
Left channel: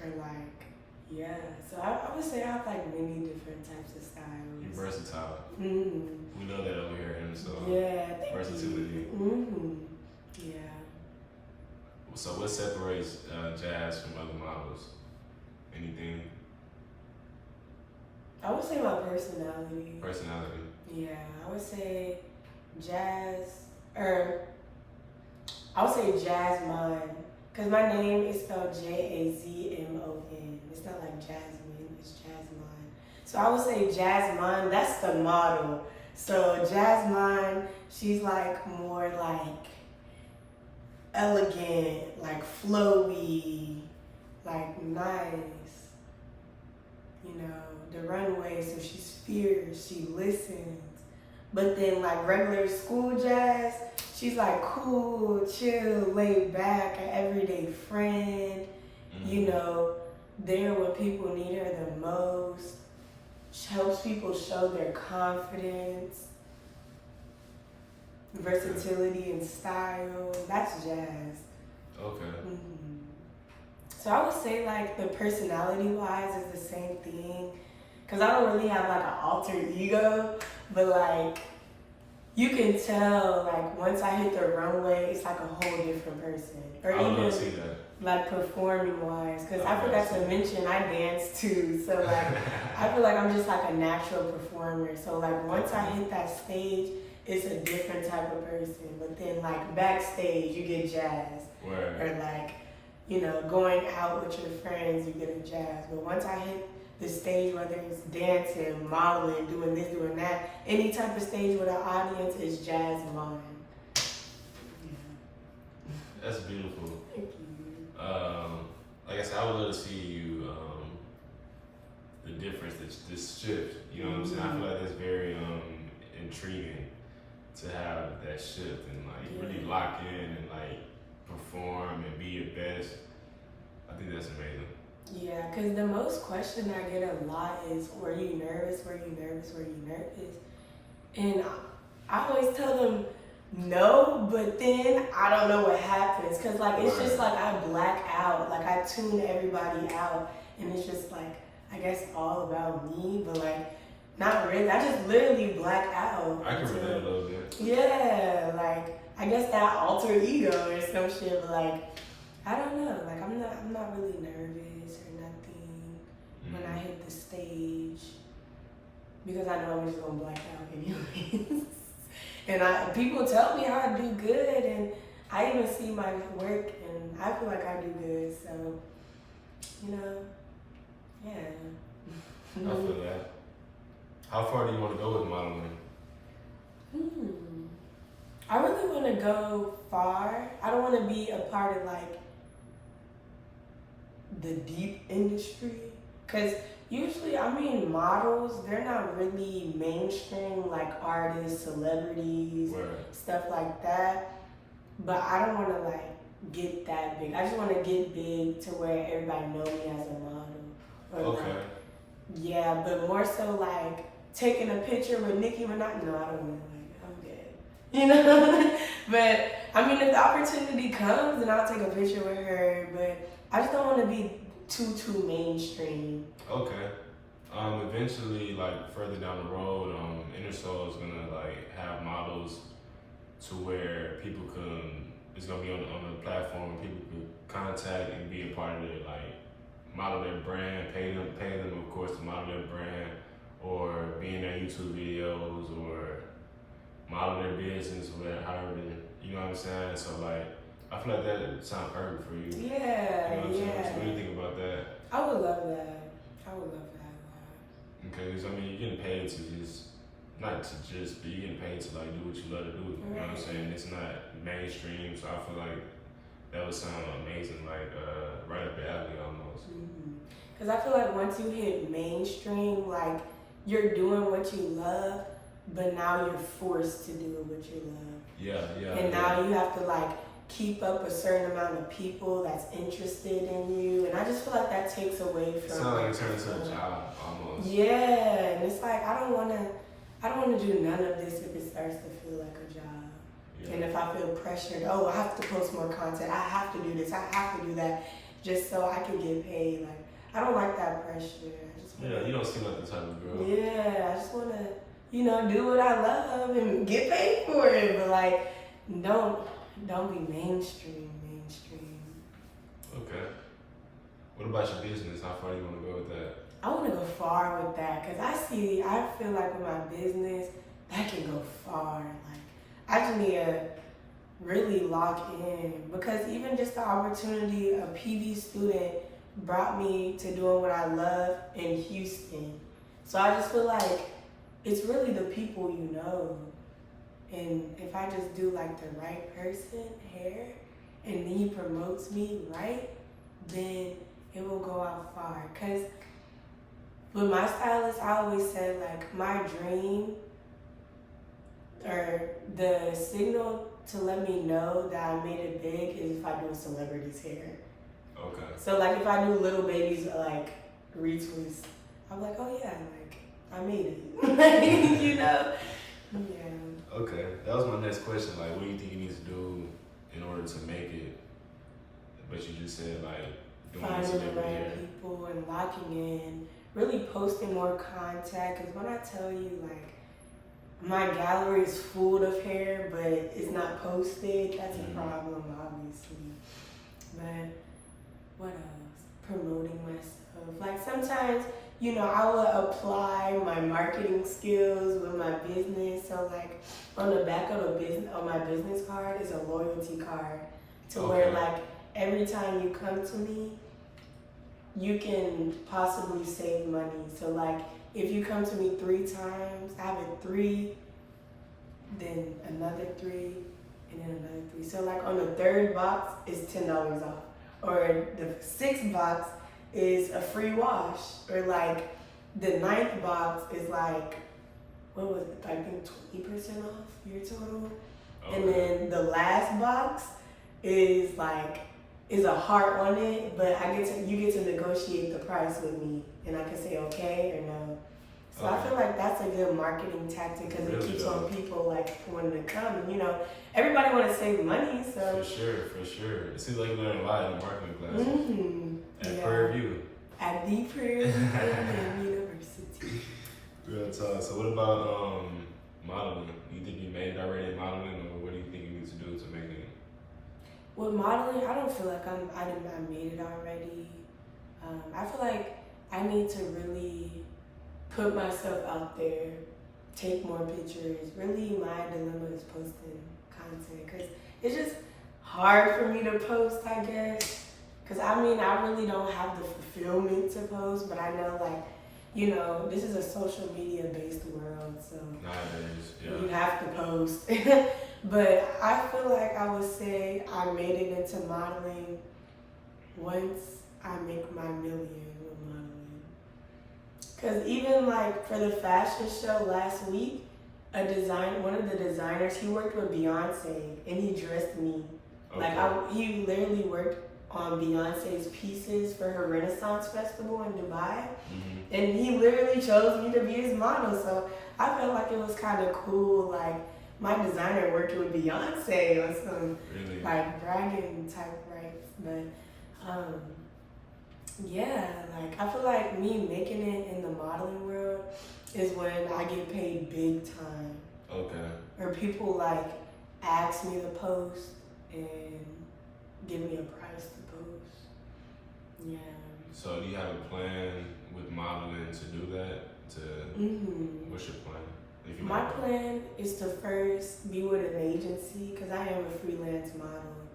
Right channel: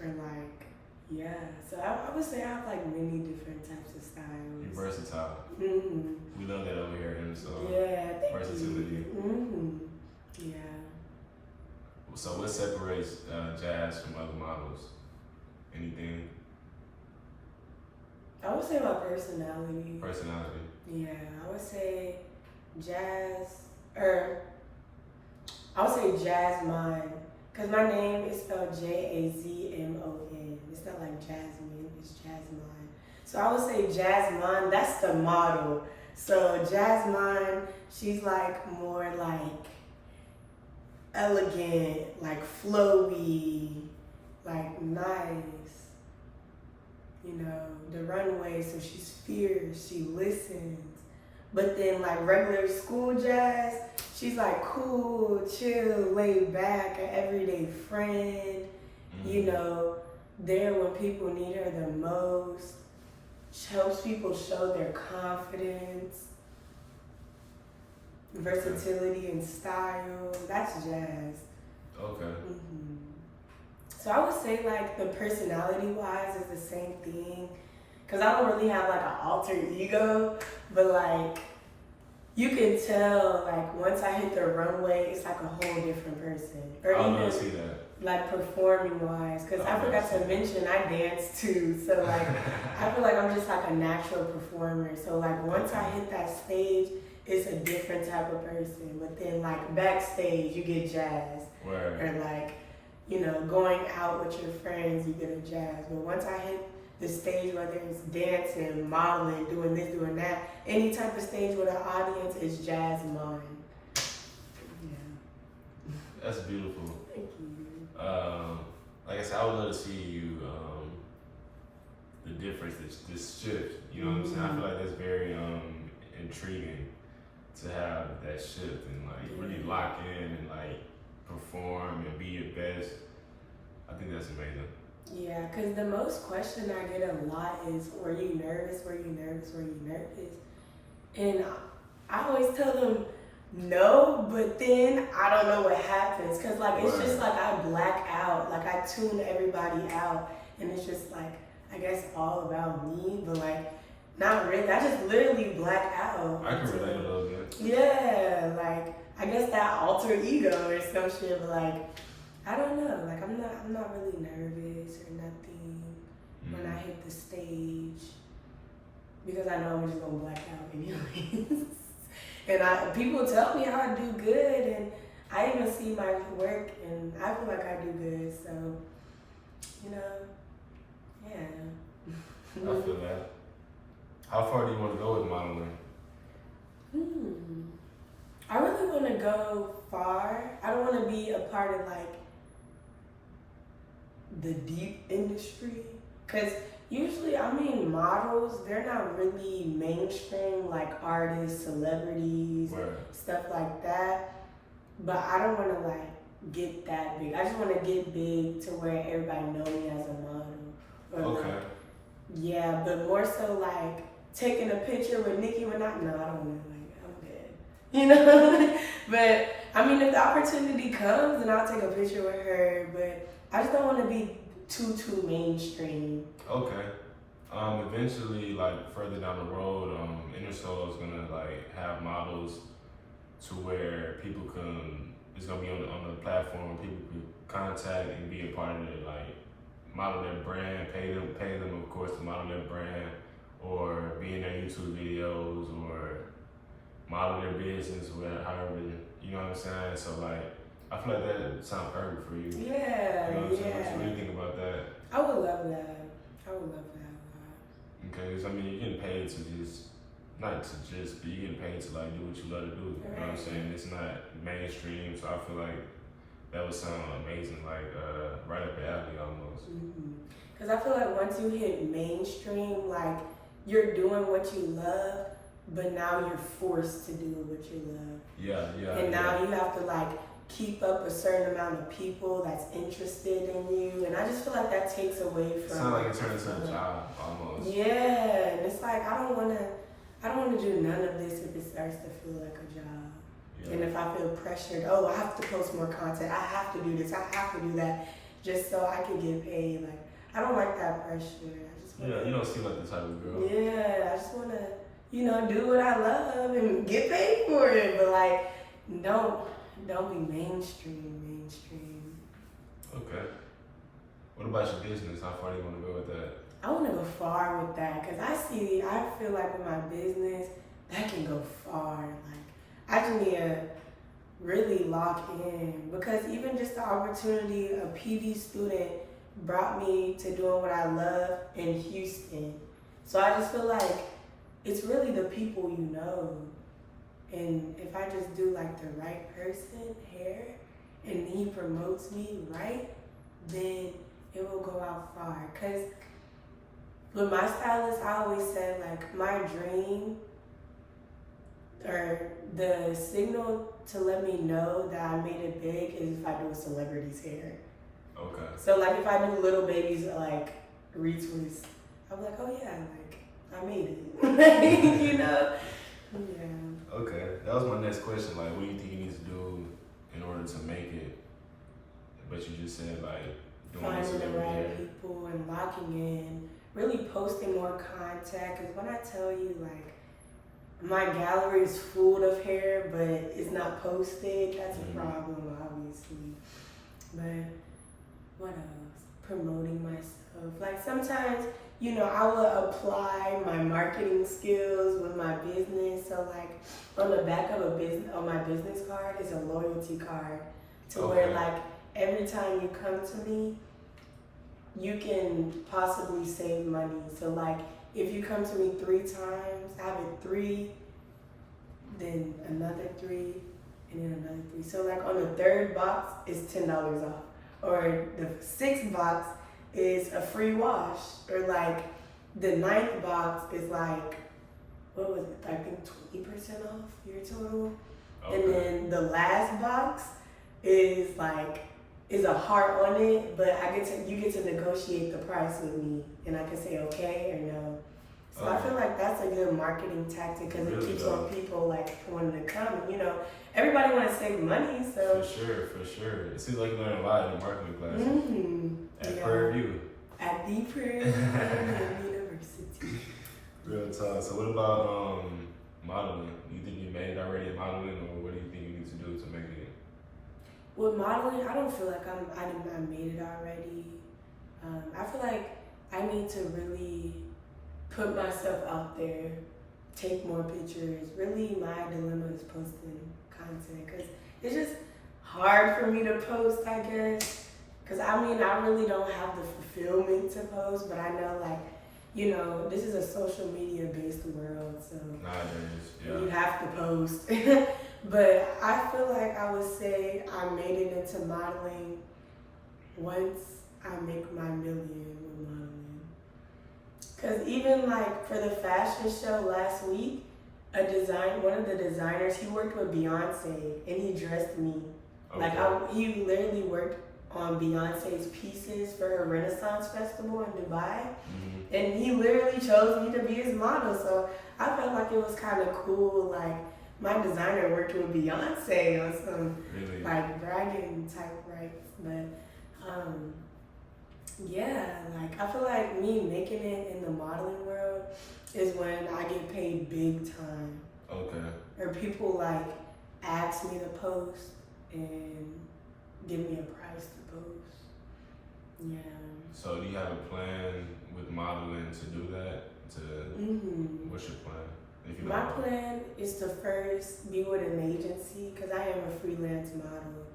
or like, yeah. So I would say I have like many different types of styles. You're versatile. Mm-hmm. We know that over here, and so Yeah, versatility. Mm-hmm. Yeah. So what separates Jazz from other models? Anything? I would say my personality. Personality. Yeah, I would say Jazz, or I would say Jasmine, because my name is spelled Jazmon. It's not like Jasmine, it's Jasmine. So I would say Jasmine, that's the model. So Jasmine, she's like more like elegant, like flowy, like nice. You know, the runway, so she's fierce, she listens. But then like regular school Jazz, she's like cool, chill, laid back, an everyday friend, you know, there when people need her the most. She helps people show their confidence, versatility and style. That's Jazz. Okay. So I would say like the personality wise is the same thing. Cause I don't really have like an alter ego, but like you can tell like once I hit the runway, it's like a whole different person. Or I see that. Like performing wise. Cause I forgot to mention I dance too. So like I feel like I'm just like a natural performer. So like once I hit that stage, it's a different type of person. But then like backstage you get Jazz. Word. Or like, you know, going out with your friends, you get a Jazz. But once I hit the stage, whether it's dancing, modeling, doing this, doing that, any type of stage with an audience is Jazz mine. Yeah. That's beautiful. Thank you. Like I said, I would love to see you, the difference, this shift. You know what I'm saying? I feel like that's very intriguing to have that shift and like really lock in and like perform and be your best. I think that's amazing. Yeah, because the most question I get a lot is, were you nervous? Were you nervous? Were you nervous? And I always tell them no, but then I don't know what happens. Because like it's just like I black out. Like I tune everybody out. And it's just like, I guess all about me, but like not really. I just literally black out. I can relate a little bit. Yeah, like I guess that alter ego or some shit, but like I don't know, like I'm not really nervous or nothing when I hit the stage because I know I'm just gonna black out anyways. And people tell me how I do good, and I even see my work and I feel like I do good, so you know, yeah. I feel that. How far do you want to go with modeling? I really want to go far. I don't want to be a part of like the deep industry, because usually, I mean, models, they're not really mainstream like artists, celebrities, stuff like that. But I don't want to like get that big. I just want to get big to where everybody knows me as a model. Or like, yeah, but more so like taking a picture with Nicki Minaj. No, I don't know. You know, but I mean, if the opportunity comes, then I'll take a picture with her. But I just don't want to be too mainstream. Okay. Eventually, eventually, like further down the road, Innersole is gonna like have models to where people can. It's gonna be on the platform. People can contact and be a part of it, like model their brand, pay them of course to model their brand, or be in their YouTube videos, or model their business, however, you know what I'm saying? So like, I feel like that sounds perfect for you. Yeah, You know what I'm saying? yeah. So what do you think about that? I would love that. I would love that a lot. Okay, so I mean, you're getting paid to not to just, but you're getting paid to like do what you love to do. You know what I'm saying? It's not mainstream, so I feel like that would sound amazing, like right up your alley almost. Because I feel like once you hit mainstream, like you're doing what you love, but now you're forced to do what you love. Yeah. And now you have to like keep up a certain amount of people that's interested in you, and I just feel like that takes away from. It sounds like it turns into a job almost. Yeah, and it's like I don't want to do none of this if it starts to feel like a job. Yeah. And if I feel pressured, oh, I have to post more content, I have to do this, I have to do that, just so I can get paid. Like I don't like that pressure. I just wanna, you don't seem like the type of girl. Yeah, I just want to, do what I love and get paid for it, but like don't be mainstream. Okay. What about your business? How far do you want to go with that? I want to go far with that because I feel like with my business, that can go far. Like, I just need to really lock in because even just the opportunity, a PV student brought me to doing what I love in Houston. So I just feel like it's really the people you know. And if I just do like the right person hair and he promotes me right, then it will go out far. Cause with my stylist, I always said like my dream or the signal to let me know that I made it big is if I do a celebrity's hair. Okay. So like if I do Little Baby's like retwist, I'm like, oh yeah, like I made it. Like, Yeah. Okay. That was my next question. Like, what do you think you need to do in order to make it? But you just said like doing Finding celebrity the hair. right people and locking in, really posting more content. Cause when I tell you like my gallery is full of hair, but it's not posted, that's a problem, obviously. But what else? Promoting myself. Like sometimes, I will apply my marketing skills with my business. So like on the back of my business card is a loyalty card to where like every time you come to me, you can possibly save money. So like if you come to me 3 times, I have a 3, then another 3, and then another 3. So like on the 3rd box is $10 off, or the 6th box is a free wash, or like the 9th box is like, what was it? I think 20% off your total. Okay. And then the last box is like a heart on it, but you get to negotiate the price with me, and I can say okay or no. So I feel like that's a good marketing tactic because it keeps on people like wanting to come. Everybody want to save money, so For sure. It seems like you learn a lot in the marketing class. At Prairie View. At the Prairie View University. Real talk. So what about modeling? You think you made it already in modeling, or what do you think you need to do to make it? With modeling, I don't feel like I made it already. I feel like I need to really put myself out there, take more pictures. Really, my dilemma is posting content because it's just hard for me to post, I guess. Because I really don't have the fulfillment to post, but I know, this is a social media based world, so you have to post. But I feel like I would say I made it into modeling once I make my million with modeling. Because even like for the fashion show last week, one of the designers, he worked with Beyonce and he dressed me. Okay. He literally worked on Beyonce's pieces for her Renaissance Festival in Dubai. And he literally chose me to be his model. So I felt like it was kind of cool. Like my designer worked with Beyonce on some like bragging type rights. But Yeah, like I feel like me making it in the modeling world is when I get paid big time. Okay. Or people like ask me to post and give me a price to post. Yeah. So do you have a plan with modeling to do that? What's your plan? If you My plan is to first be with an agency because I am a freelance model.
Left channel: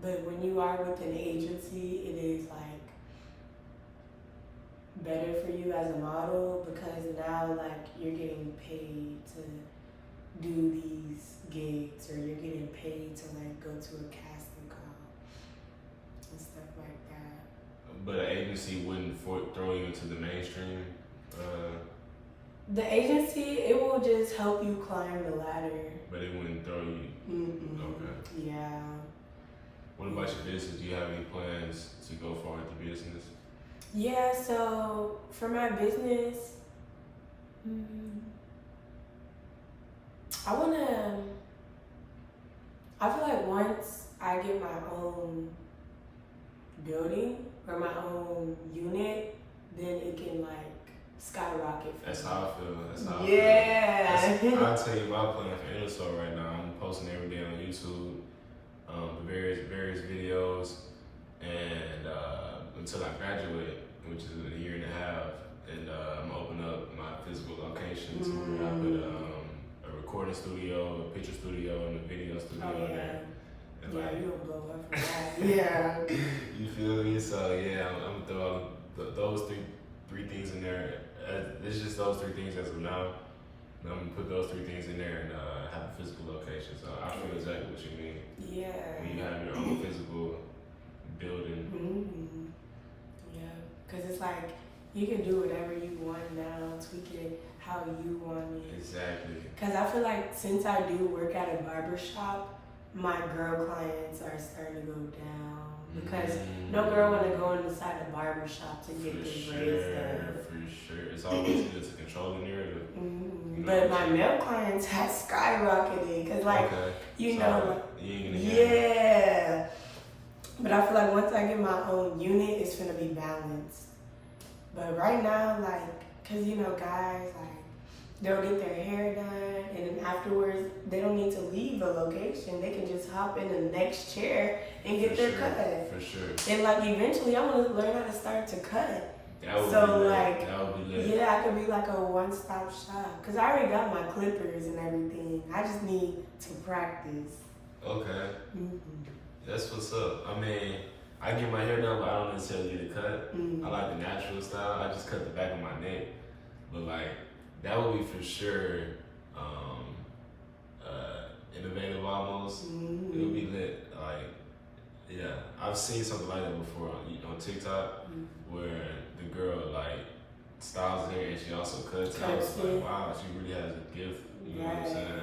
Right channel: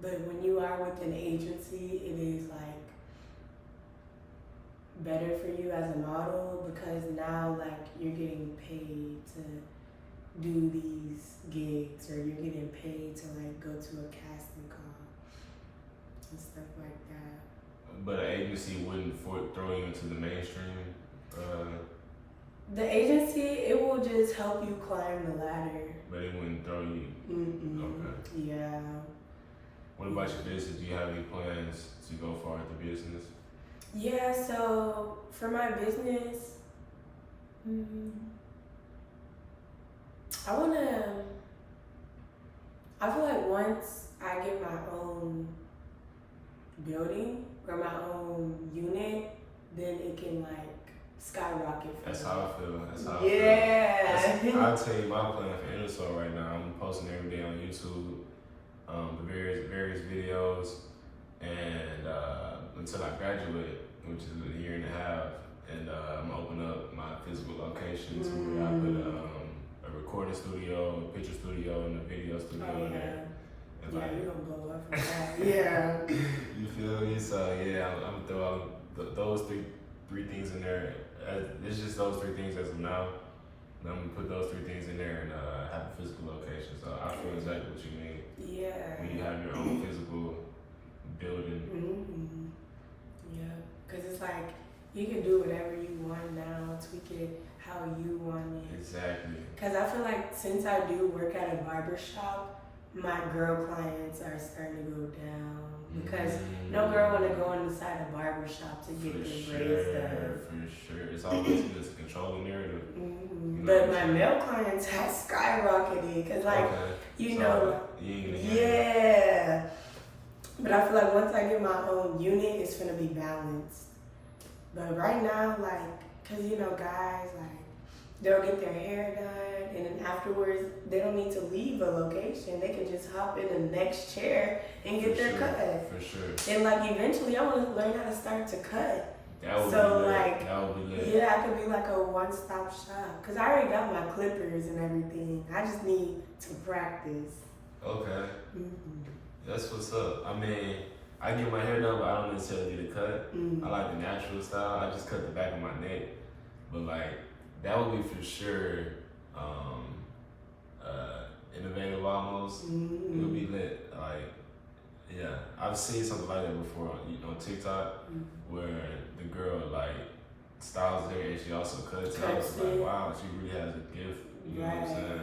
But when you are with an agency, it is like better for you as a model because now like you're getting paid to do these gigs or you're getting paid to like go to a casting call and stuff like that. But an agency wouldn't throw you into the mainstream. The agency, it will just help you climb the ladder. But it wouldn't throw you. Okay. Yeah. What about your business? Do you have any plans to go far into business? Yeah. So for my business, I feel like once I get my own building or my own unit, then it can like skyrocket. That's how I feel. That's how I feel. I'll tell you my plan for Innersole right now. I'm posting every day on YouTube, various videos, and until I graduate, which is a year and a half, and I'm gonna open up my physical location to where I put a recording studio, a picture studio, and a video studio in there. And yeah, like, you're gonna blow up for that. Yeah. You feel me? So yeah, I'm gonna throw all those three things in there. It's just those three things as of now. And I'm gonna put those three things in there and have a physical location. So I feel exactly what you mean. Yeah. When you have your own physical building. Yeah, because it's like you can do whatever you want now, tweak it how you want it. Exactly. Because I feel like since I do work at a barber shop, my girl clients are starting to go down. Because no girl want to go inside a barber shop to get their braids done. For sure. It's always good to control the narrative. You know, but my male clients have skyrocketed. Because, like, you know, yeah. But I feel like once I get my own unit, it's going to be balanced. But right now, like, because, you know, guys, like, they'll get their hair done, and then afterwards, they don't need to leave a location. They can just hop in the next chair and get their cut. For sure. And, like, eventually, I want to learn how to start to cut. That would be lit. That would be lit. Yeah, I could be like a one-stop shop. Because I already got my clippers and everything. I just need to practice. Okay. That's what's up. I mean, I get my hair done, but I don't necessarily get a cut. I like the natural style. I just cut the back of my neck. But, like, that would be for sure innovative almost. It would be lit. Like, yeah, I've seen something like that before on TikTok where the girl like styles her hair and she also cuts it. I was like, wow, she really has a gift. You know what I'm saying?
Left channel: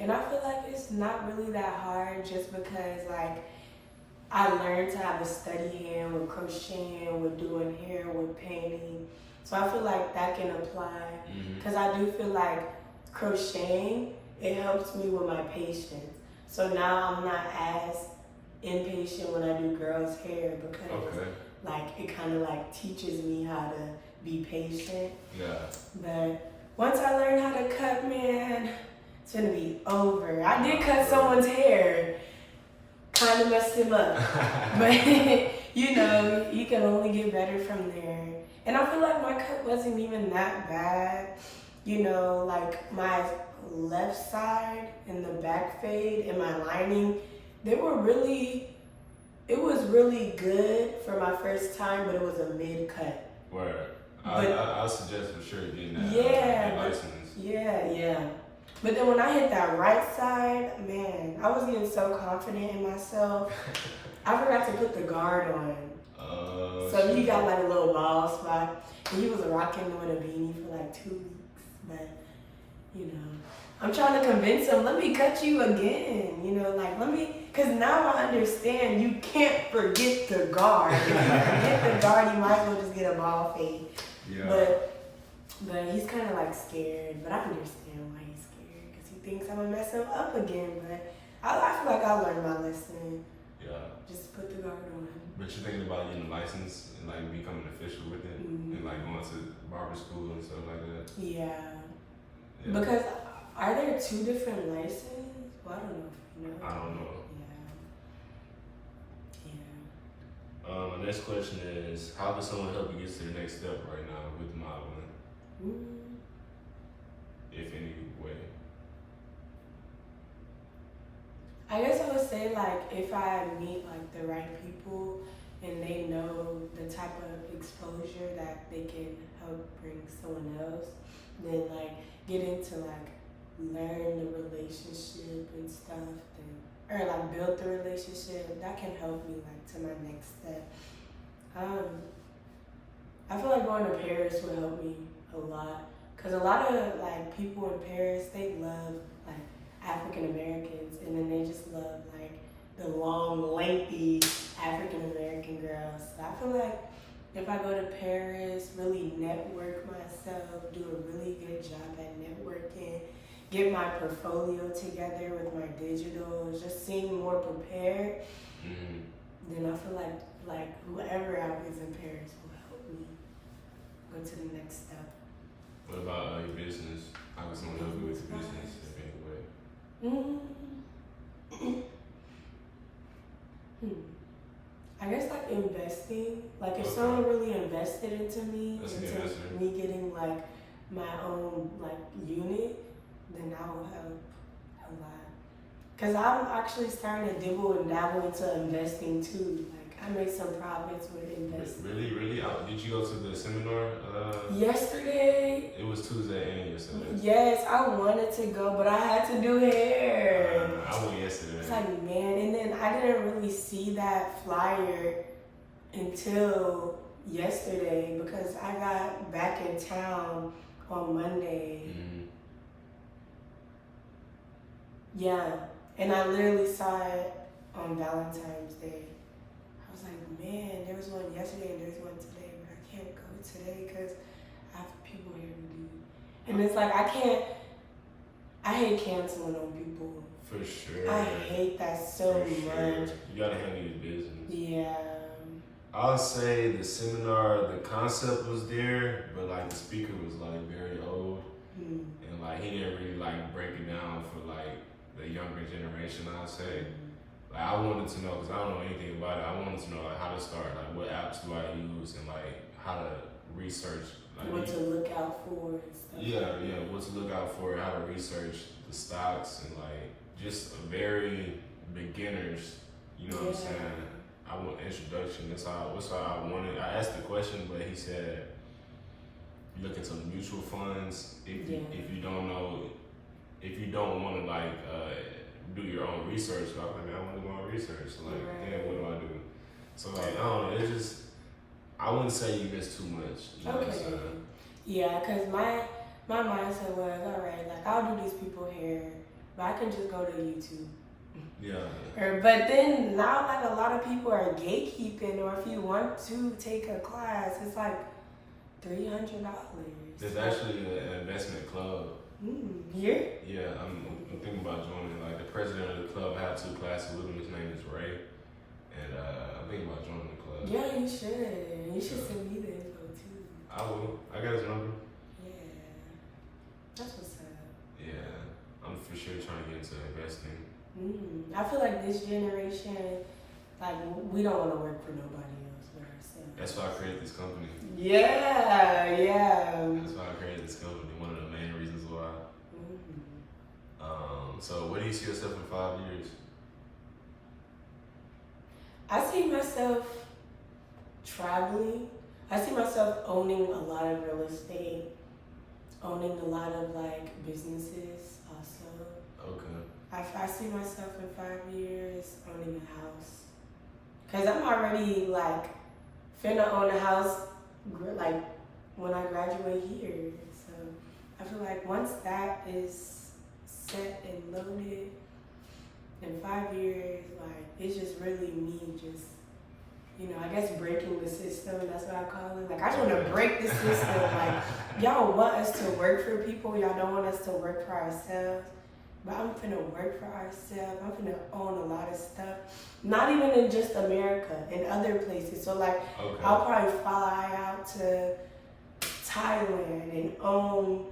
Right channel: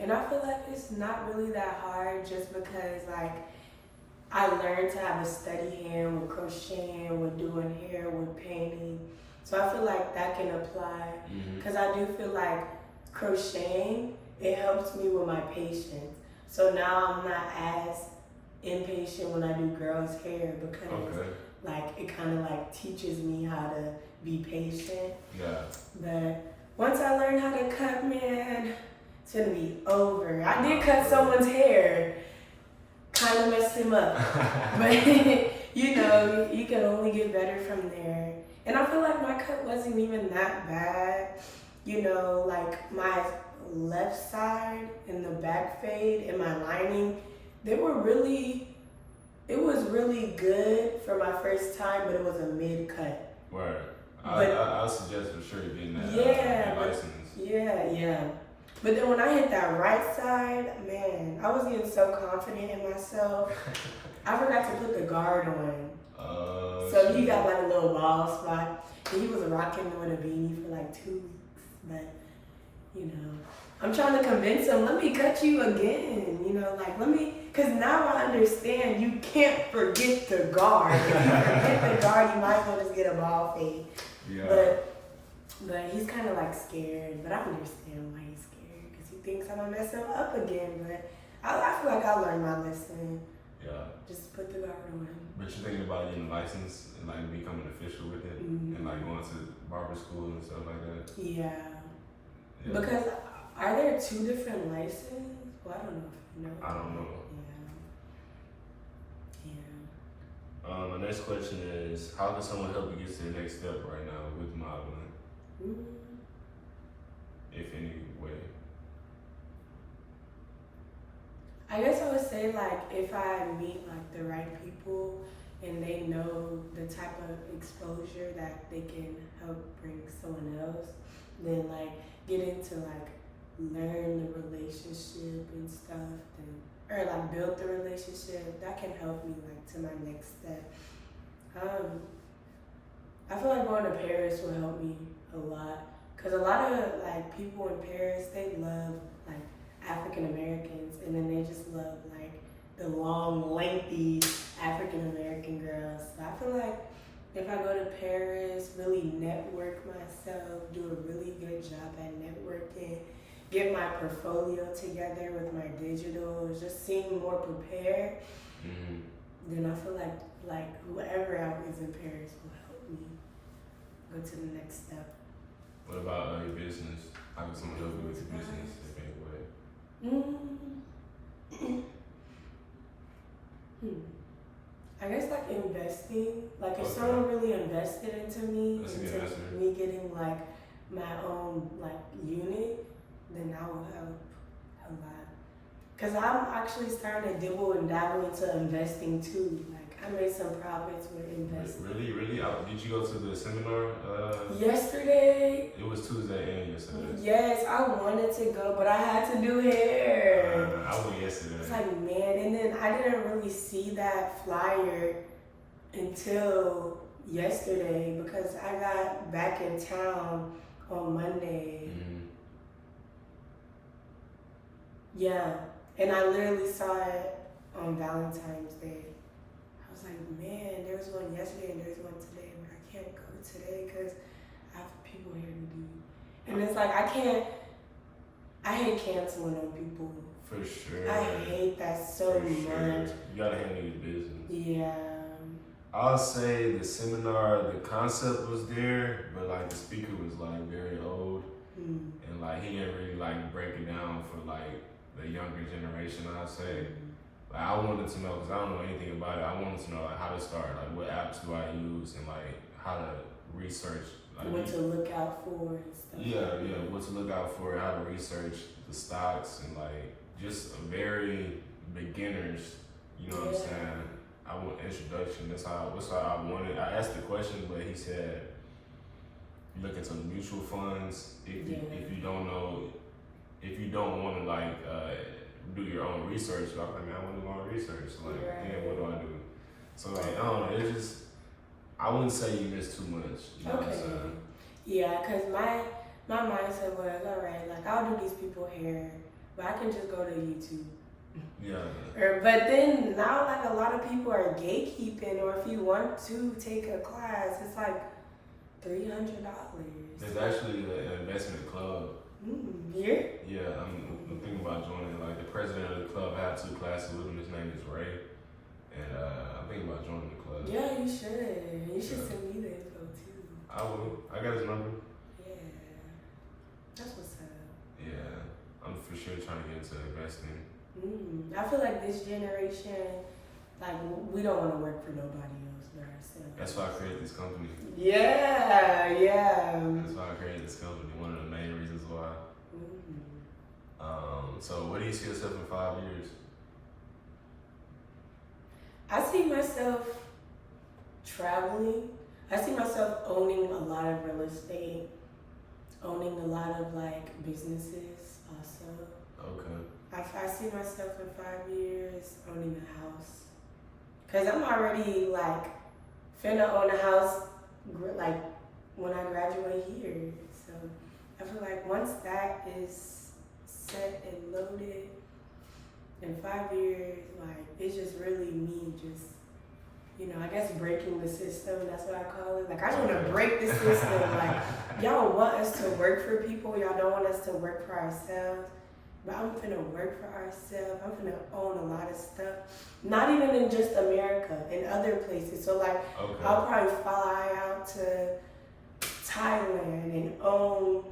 And I feel like it's not really that hard just because like I learned to have a steady hand with crocheting, with doing hair, with painting. So I feel like that can apply because I do feel like crocheting, it helps me with my patience. So now I'm not as impatient when I do girls' hair because like it kind of like teaches me how to be patient. Yeah. But once I learn how to cut, man, it's gonna be over. I did cut someone's hair, kind of messed him up, but you know, you can only get better from there. And I feel like my cut wasn't even that bad. You know, like my left side and the back fade and my lining, they were really, it was really good for my first time, but it was a mid cut. Word. I suggest for sure getting that license. Yeah. But then when I hit that right side, man, I was getting so confident in myself. I forgot to put the guard on. So he got like a little bald spot. And he was rocking with a beanie for like 2 weeks. But, you know, I'm trying to convince him, let me cut you again. You know, like, let me, because now I understand you can't forget the guard. If you forget the guard, you might as well just get a bald fade. Yeah. But he's kind of like scared. But I understand why he's scared. Because he thinks I'm going to mess him up again. But I feel like I learned my lesson. Yeah. Just put the guard on. But you're thinking about getting a license and like becoming official with it, Mm-hmm. and like going to barber school and stuff like that. Yeah. Yeah. Because are there two different licenses? Well, I don't know if you know. I don't know. Yeah. My next question is, how does someone help you get to the next step right now with modeling, if any way? I guess I would say like if I meet like the right people and they know the type of exposure that they can help bring someone else, then like get into like learn the relationship and stuff, then or like build the relationship, that can help me like to my next step. I feel like going to Paris will help me a lot, because a lot of like people in Paris, they love like African Americans, and then they just love like the long, lengthy African American girls. So I feel like if I go to Paris, really network myself, do a really good job at networking, get my portfolio together with my digital, just seem more prepared, then I feel like whoever I is in Paris will help me go to the next step. What about your business? How can someone help you with your business in any way? I guess like investing. Like if someone really invested into me, into me getting like my own like unit, then that will help a lot. Cause I'm actually starting to dibble and dabble into investing too. Like I made some profits with investing. Really? Did you go to the seminar? Yesterday. It was Tuesday and yesterday. Yes, I wanted to go, but I had to do hair. I went yesterday. It's like, man, and then I didn't really see that flyer until yesterday because I got back in town on Monday. Yeah, and I literally saw it on Valentine's Day. I was like, man, there was one yesterday and there's one today, but I can't go today because I have people here to do. And it's like, I hate canceling on people. For sure. I hate that so much. You gotta handle your business. Yeah. I'll say the seminar, the concept was there, but like the speaker was like very old, and like he didn't really like break it down for like the younger generation. I'll say, like I wanted to know because I don't know anything about it. I wanted to know like how to start, like what apps do I use, and like how to research, like what to look out for and stuff. Yeah, what to look out for, how to research the stocks, and like just a very beginners. You know what I'm saying? I want introduction. That's how I wanted. I asked the question, but he said, look into mutual funds. If you don't know, if you don't want to like do your own research, I'm like, man, I want to do my own research. So like, what do I do? So like, I don't know. It's just, I wouldn't say you miss too much. You know what I'm saying? Yeah, cause my mindset was, all right, like I'll do these people hair, but I can just go to YouTube. Yeah. But then now, like a lot of people are gatekeeping, or if you want to take a class, it's like $300. There's actually an investment club. Here? Yeah, I'm thinking about joining. Like the president of the club, I have 2 classes with him. His name is Ray, and I'm thinking about joining the club. Yeah, you should. You should send me the info too. I will. I got his number. Yeah, that's what's up. Yeah, I'm for sure trying to get into investing. I feel like this generation, like we don't want to work for nobody else but ourselves. That's why I created this company. Yeah. That's why I created this company. One of the main reasons why. So where do you see yourself in 5 years? I see myself traveling. I see myself owning a lot of real estate, owning a lot of like businesses also. Okay. I see myself in 5 years owning a house. Cause I'm already like finna own a house like when I graduate here. So I feel like once that is set and loaded in 5 years, like it's just really me just, you know, I guess breaking the system, that's what I call it. Like I just wanna break the system. Like y'all want us to work for people, y'all don't want us to work for ourselves. but I'm finna work for ourselves. I'm finna own a lot of stuff. Not even in just America, in other places. So like, Okay. I'll probably fly out to Thailand and own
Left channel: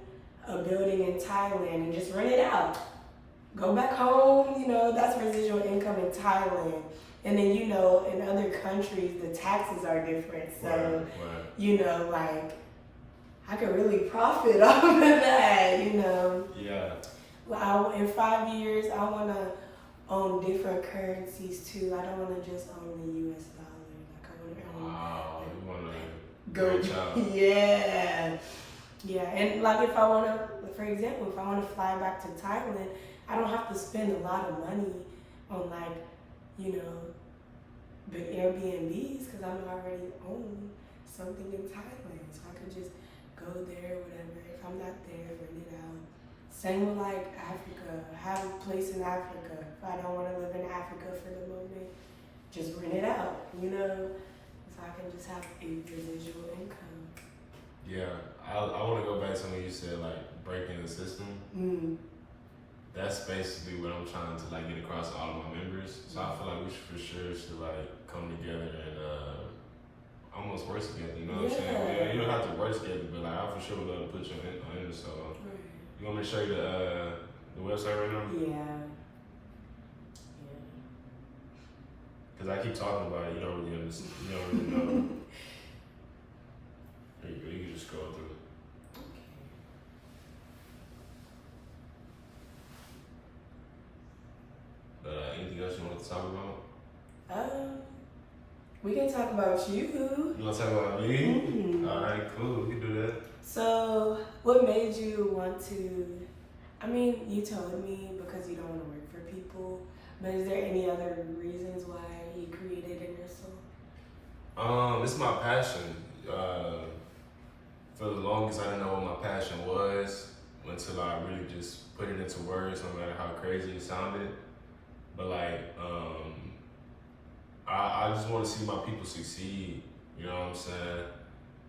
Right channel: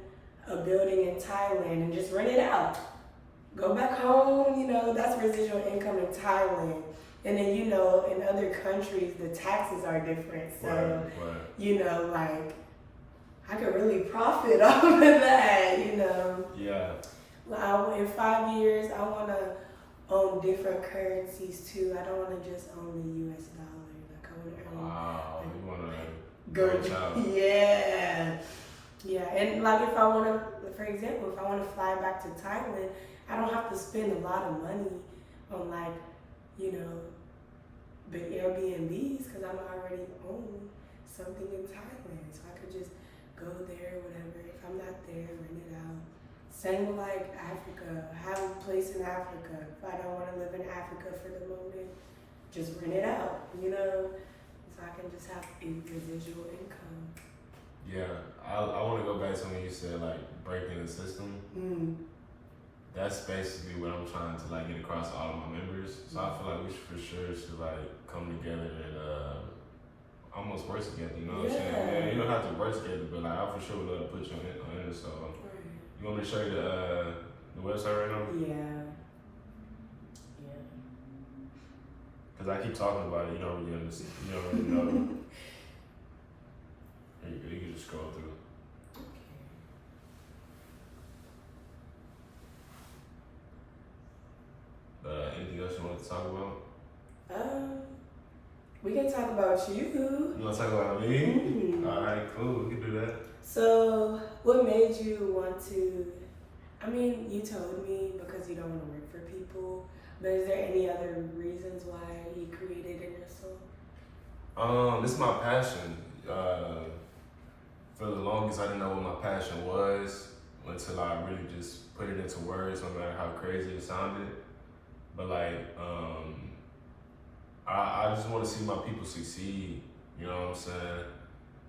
a building in Thailand and just rent it out. Go back home, you know, that's residual income in Thailand. And then, you know, in other countries, the taxes are different. So, Right. you know, like, I could really profit off of that, you know. Yeah. Well, in 5 years, I want to own different currencies too. I don't want to just own the US dollar. Like, I want to own. Wow. You want to Go. branch out. Yeah. Yeah. And like, if I want to, for example, if I want to fly back to Thailand, I don't have to spend a lot of money on, like, you know, big Airbnbs because I'm already own something in Thailand. So I could just go there, whatever. If I'm not there, rent it out. Same with like Africa. Have a place in Africa. If I don't want to live in Africa for the moment, just rent it out, you know? So I can just have a residual income. Yeah. I want to go back to when you said like breaking the system. That's basically what I'm trying to like get across to all of my members. So I feel like we should for sure should like come together and almost work together. You know what I'm saying? Yeah, you don't have to work together, but like I for sure would love to put you on Innersole. You want me to show you the website right now? Yeah. Cause I keep talking about it, you don't really understand. You don't really know. There you go. You can just scroll through. Anything else you want to talk about? We can talk about you. You want to talk about me? Mm-hmm. All right, cool. We can do that. So, what made you want to? I mean, you told me because you don't want to work for people, but is there any other reasons why you created Innersole? This is my passion. For the longest, I didn't know what my passion was until I really just put it into words, no matter how crazy it sounded. But like, I just want to see my people succeed. You know what I'm saying?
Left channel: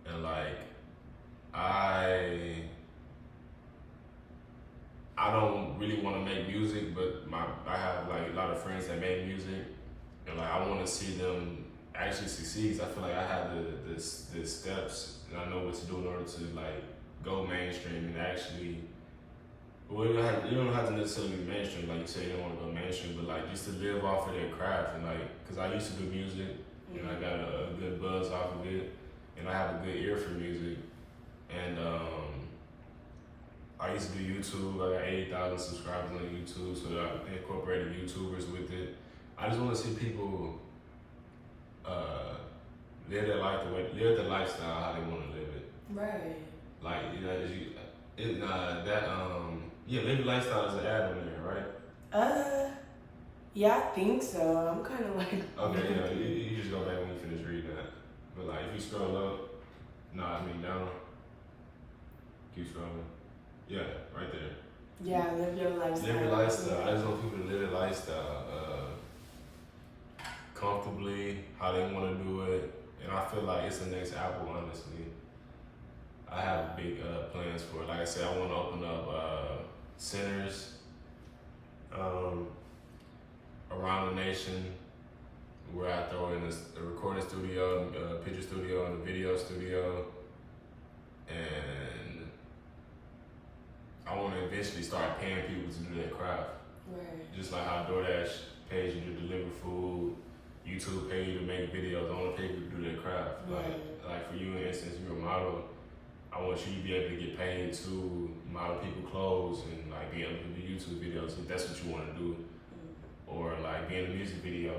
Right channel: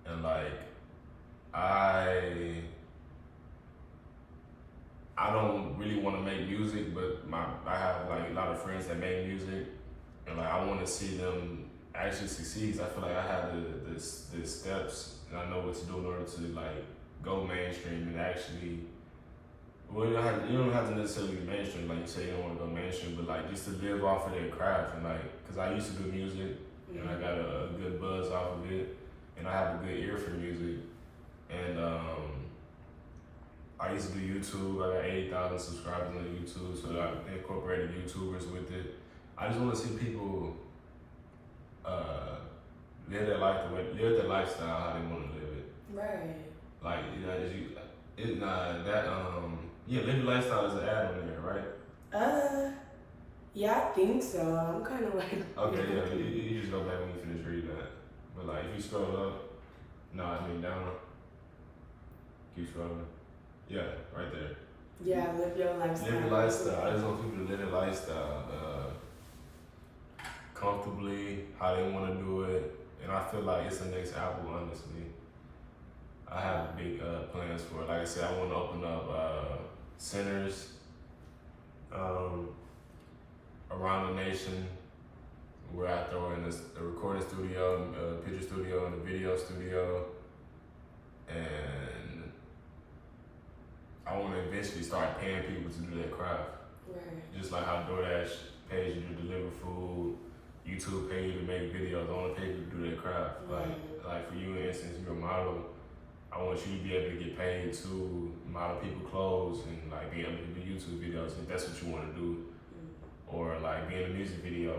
And like, I don't really want to make music, but I have like a lot of friends that make music, and like I want to see them actually succeed. I feel like I have the steps, and I know what to do in order to like go mainstream and actually. Well, you don't have to necessarily be mainstream, like you say, you don't want to go mainstream, but like just to live off of their craft, and like, cause I used to do music, and I got a good buzz off of it, and I have a good ear for music, and I used to do YouTube. I got 80,000 subscribers on YouTube, so I incorporated YouTubers with it. I just want to see people live their life live their lifestyle how they want to live it. Right. Like, you know, live your lifestyle is an ad on there, right? Yeah, I think so. I'm kind of like. Okay, yeah, you just go back when you finish reading that. But like, if you scroll up, down. Keep scrolling. Yeah, right there. Yeah, live your lifestyle. Live your lifestyle. I just want people to live their lifestyle comfortably, how they want to do it, and I feel like it's the next Apple, honestly. I have big plans for it. Like I said, I want to open up centers around the nation where I throw in a recording studio, a picture studio, and a video studio. And I want to eventually start paying people to do their craft. Right. Just like how DoorDash pays you to deliver food, YouTube pays you to make videos. I want to pay people to do their craft. Right. Like for you, in instance, you're a model. I want you to be able to get paid to model people clothes and like be able to do YouTube videos if that's what you want to do, or like be in a music video.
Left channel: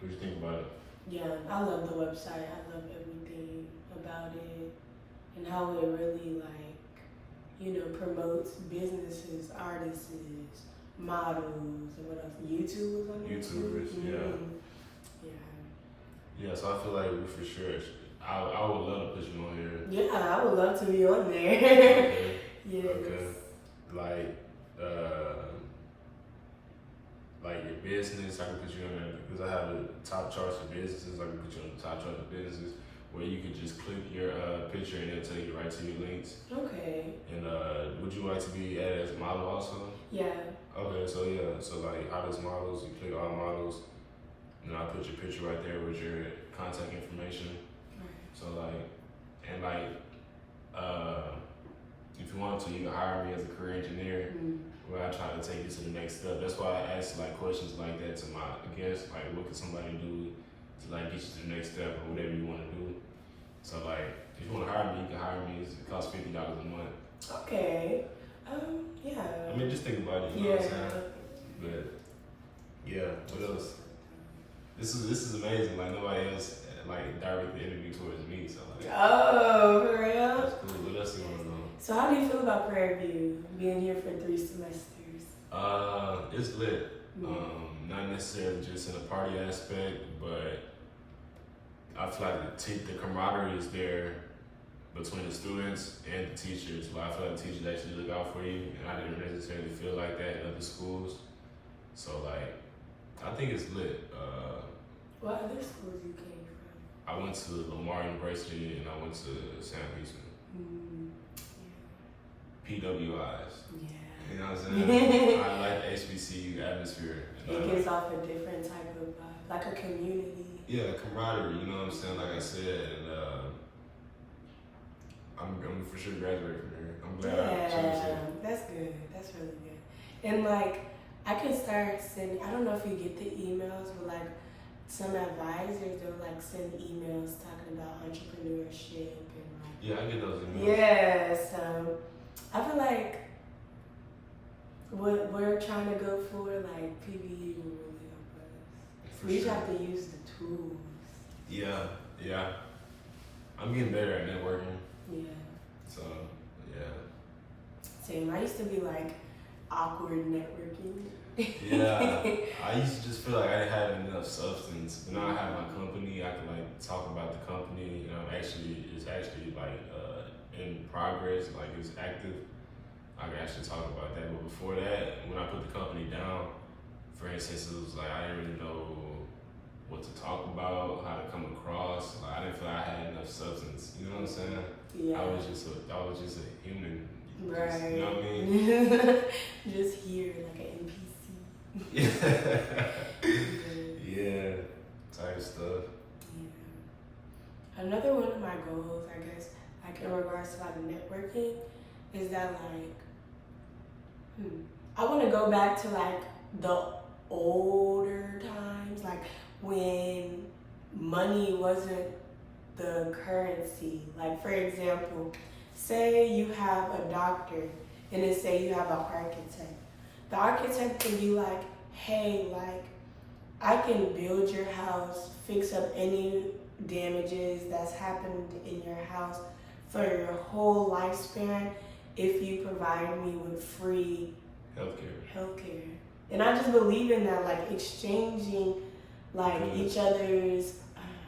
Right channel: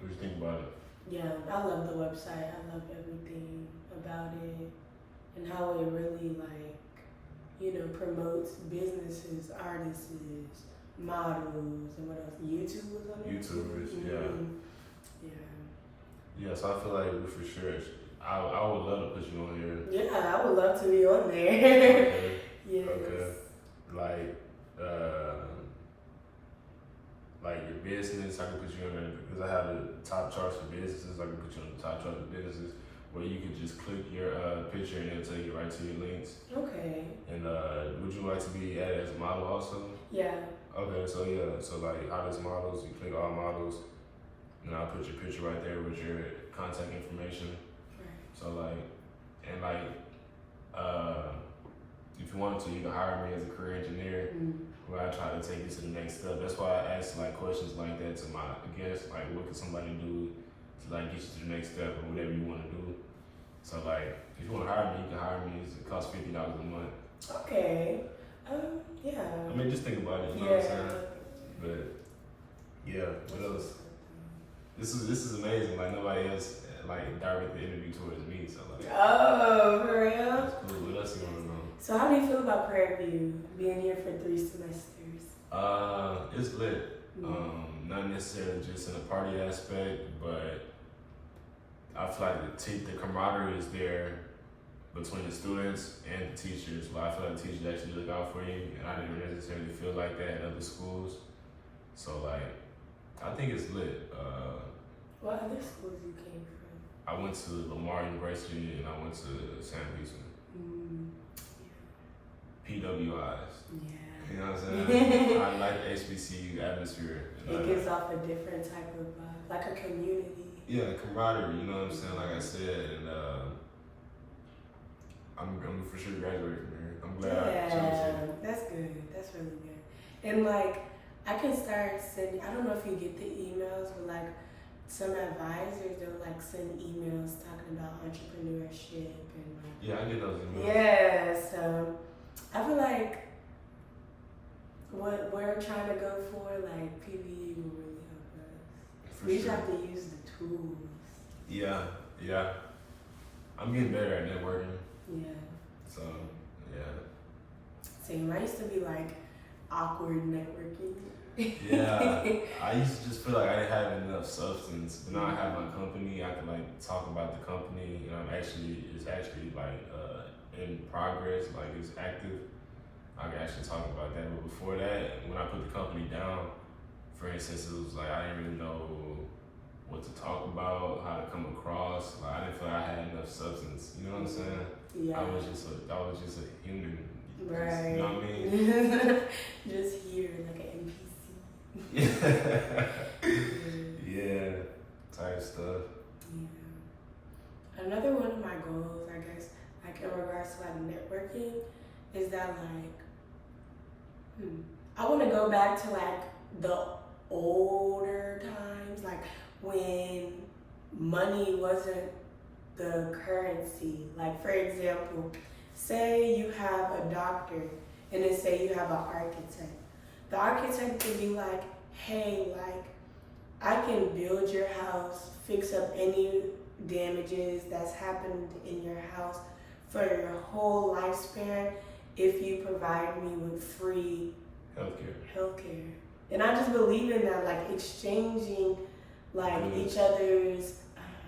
What do you think about it? Yeah, I love the website. I love everything about it and how it really like, you know, promotes businesses, artists, models, and what else? YouTubers on there. YouTubers, Yeah. Yeah, so I feel like we for sure. I would love to put you on here. Yeah, I would love to be on there. Okay. Yes. Okay. Like your business, I can put you in there because I have the top charts for businesses. I can put you on the top charts for businesses. where you could just click your picture and it'll take you right to your links. Okay. And would you like to be added as a model also? Yeah. Okay, so yeah, so like hottest models, you click all models, and I'll put your picture right there with your contact information. Right. So like, and like, if you want to, you can hire me as a career engineer, where I try to take you to the next step. That's why I ask like questions like that to my guests, like what can somebody do to like get you to the next step or whatever you want to do. So like, if you want to hire me, you can hire me. It costs $50 a month. Okay. Yeah. I mean, just think about it. You know what I'm saying? But yeah, what else? This is amazing. Like nobody else like directed the interview towards me. So like. Oh, for real? That's cool. What else you want to know? So how do you feel about Prairie View being here for 3 semesters? It's lit. Not necessarily just in a party aspect, but I feel like the camaraderie is there between the students and the teachers. Like I feel like the teachers actually look out for you, and I didn't necessarily feel like that in other schools. So like, I think it's lit. What other schools you came from? I went to Lamar University and I went to San Luis. PWIs. Yeah. You know what I'm saying? I like the HBCU atmosphere. It gives off a different type of vibe, like a community. Yeah, camaraderie, you know what I'm saying? Like I said, and I'm for sure graduating from here. I'm glad I chose it. That's good. That's really good. And like, I can start sending, I don't know if you get the emails, but like some advisors, they'll like send emails talking about entrepreneurship and like. Yeah, I get those emails. Yeah, so I feel like what we're trying to go for, like PVE will really help us. For We just sure. have to use the tools. Yeah. I'm getting better at networking. Yeah. So, yeah. Same. I used to be like awkward networking. Yeah, I used to just feel like I didn't have enough substance. But now I have my company, I can like talk about the company. You know, it's actually like in progress, like it's active. I can actually talk about that. But before that, when I put the company down, for instance, it was like I didn't really know what to talk about, how to come across. Like I didn't feel like I had enough substance. You know what I'm saying? Yeah. I was just a human. Right. Just, you know what I mean? Just here, like an NPC. Yeah, type stuff. Yeah. Another one of my goals, I guess, like in regards to like networking, is that like, I want to go back to like the older times, like when money wasn't the currency. Like for example, say you have a doctor and then say you have an architect. The architect can be like, hey, like, I can build your house, fix up any damages that's happened in your house for your whole lifespan if you provide me with free healthcare. And I just believe in that, like exchanging like each other's,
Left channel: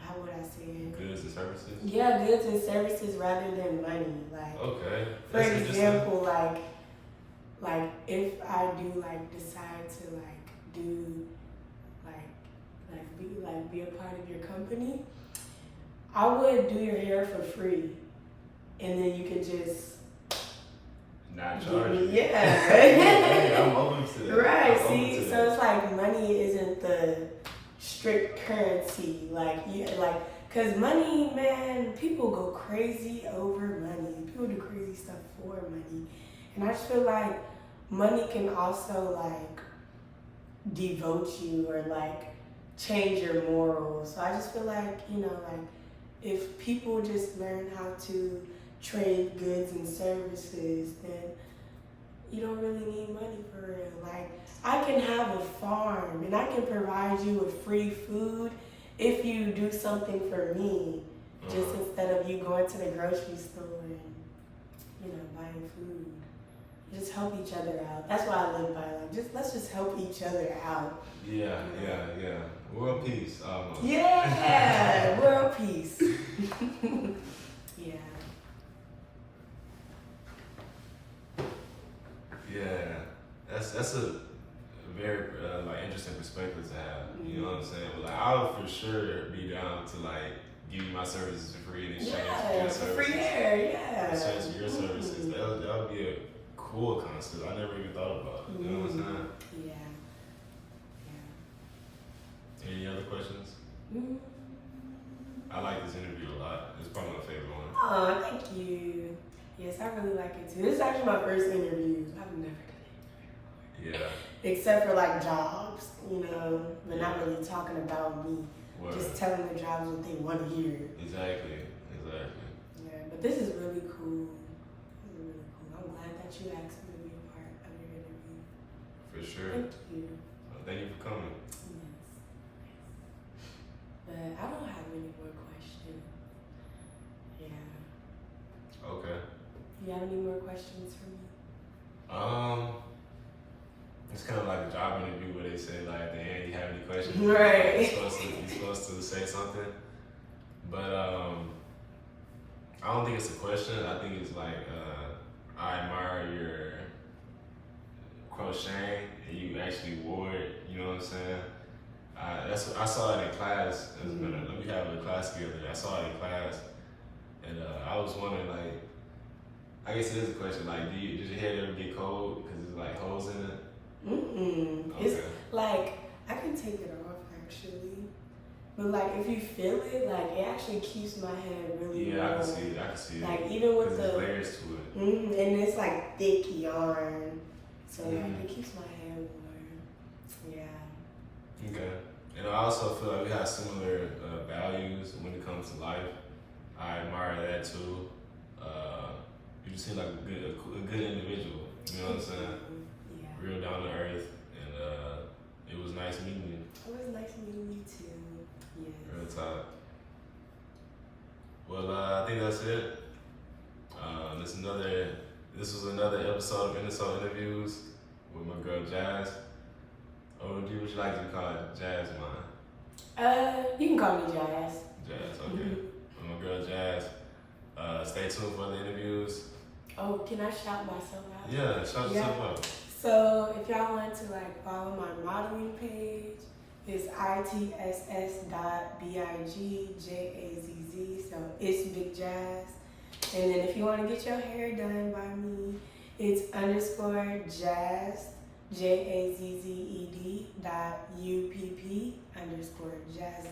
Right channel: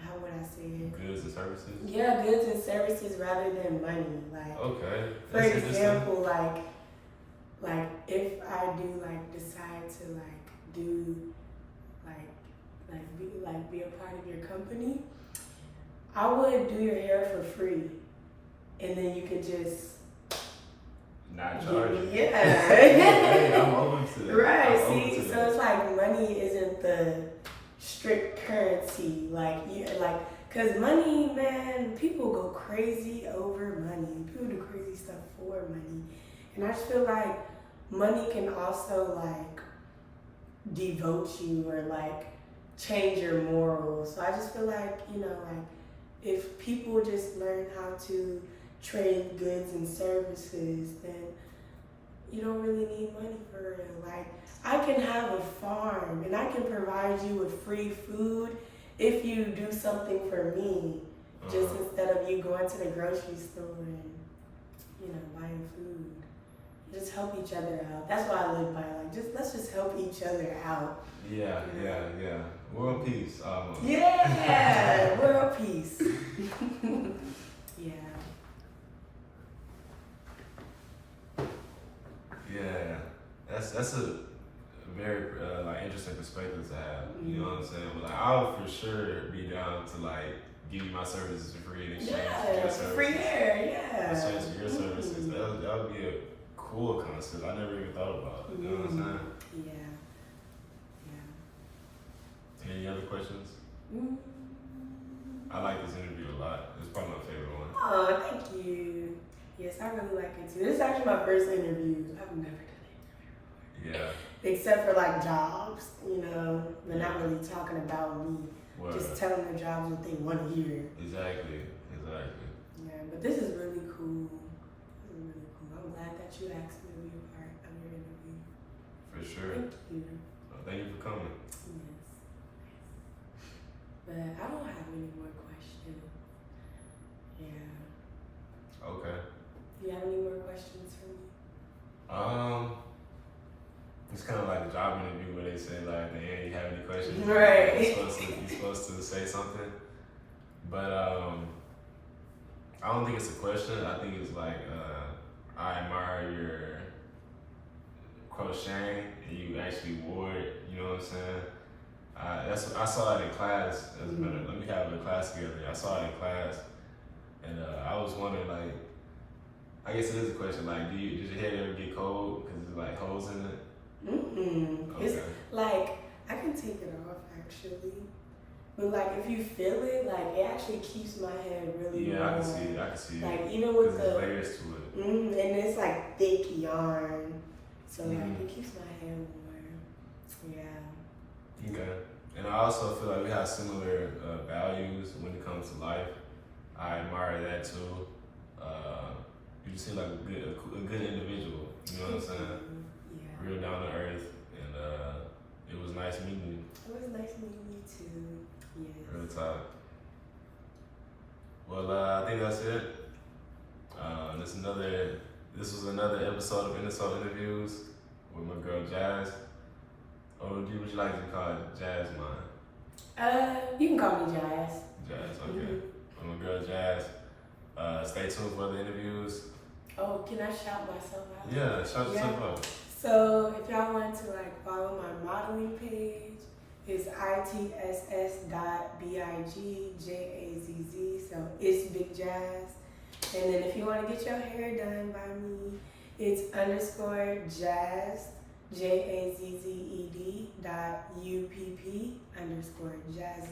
how would I say it? Goods and services? Yeah, goods and services rather than money. Like, okay. For example, like if I do like decide to like do be a part of your company, I would do your hair for free, and then you could just not charge me. Yeah. Hey, I'm open to that. Right. I'm See, so it's like money isn't the strict currency. Cause money, man, people go crazy over money. People do crazy stuff for money, and I just feel like money can also like devote you or like change your morals. So I just feel like, like if people just learn how to trade goods and services, then you don't really need money for real. Like I can have a farm and I can provide you with free food if you do something for me, just instead of you going to the grocery store and, buying food. Just help each other out. That's what I live by. Like, let's just help each other out. Yeah. World peace. Yeah, world peace. Yeah. Yeah, that's a very interesting perspective to have. You know what I'm saying? But like, I would for sure be down to like give you my services for free in exchange for your Yeah, services. free air, yeah. In exchange for your services. That would be a cool concept. I never even thought about it. You know what I'm saying? Yeah. Any other questions? I like this interview a lot. It's probably my favorite one. Oh, thank you. Yes, I really like it too. This is actually my first interview. I've never done it. Yeah. Except for like jobs, you know. We're not really talking about me. Word. Just telling the jobs what they want to hear. Exactly. Yeah, but this is really cool. This is really cool. I'm glad that you asked me to be a part of your interview. For sure. Thank you. Well, thank you for coming. Yes. But I don't have any more questions. Yeah. Okay. Do you have any more questions for me? It's kind of like a job interview where they say like, at the end, you have any questions? Right. You're supposed to say something, but I don't think it's a question. I think it's like I admire your crocheting and you actually wore it. You know what I'm saying? I saw it in class. Let me have a class together. I saw it in class, and I was wondering like, I guess it is a question like, does your head ever get cold because there's like holes in it? Okay. It's like, I can take it off actually. But like, if you feel it, like, it actually keeps my head really warm. I can see it. Like, even with there's layers to it. And it's like thick yarn. So like, it keeps my head warm. Yeah. Okay. And I also feel like we have similar values when it comes to life. I admire that too. You just seem like a good individual. You know what I'm saying? Yeah. Real down to earth, and it was nice meeting you. It was nice meeting you too. Yes. Real talk. Well, I think that's it. This was another episode of Innersole Interviews with my girl Jazz. Or would you like to be called Jazz Mine? You can call me Jazz. Jazz, okay. With my girl Jazz. Stay tuned for the interviews. Oh, can I shout myself out? Yeah, shout yourself out. So if y'all want to like follow my modeling page, it's itss.bigjazz. So it's Big Jazz. And then if you want to get your hair done by me, it's _jazz, JAZZED.UPP_jazzed.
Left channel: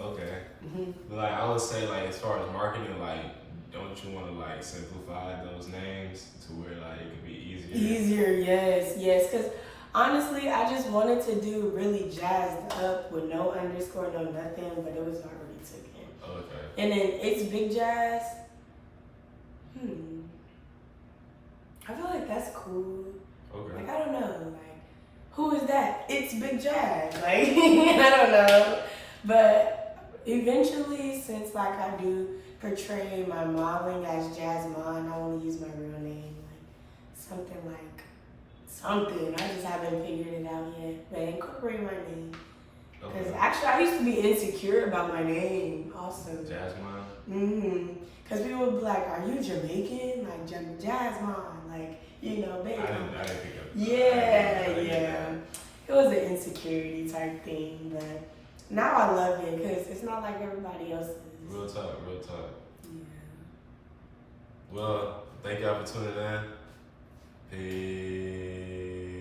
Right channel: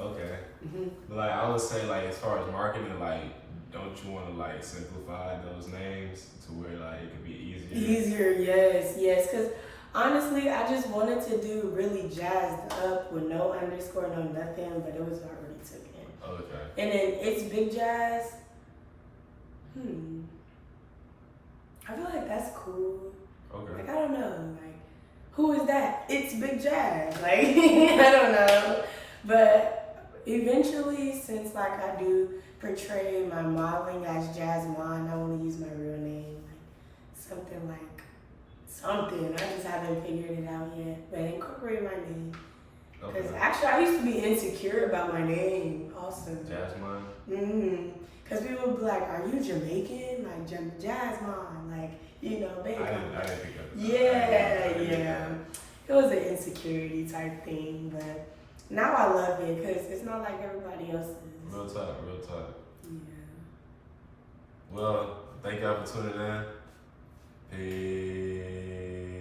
Okay. Like I would say, like as far as marketing, like don't you want to like simplify those names to where like it could be easier? Easier, yes. Because honestly, I just wanted to do really jazzed up with no underscore, no nothing, but it was already taken. Okay. And then it's Big Jazz. I feel like that's cool. Okay. Like I don't know, like who is that? It's Big Jazz. Like I don't know, but eventually, since like I do portray my modeling as Jazz Mon, I want to use my real name, like something. I just haven't figured it out yet, but incorporate my name. Because actually, I used to be insecure about my name also. Jasmine? Because people would be like, are you Jamaican? Like, Jasmine. Like, you know, baby. I didn't pick up. Yeah. It was an insecurity type thing, but now I love it because it's not like everybody else is. Real talk. Yeah. Well, thank y'all for tuning in. Peace.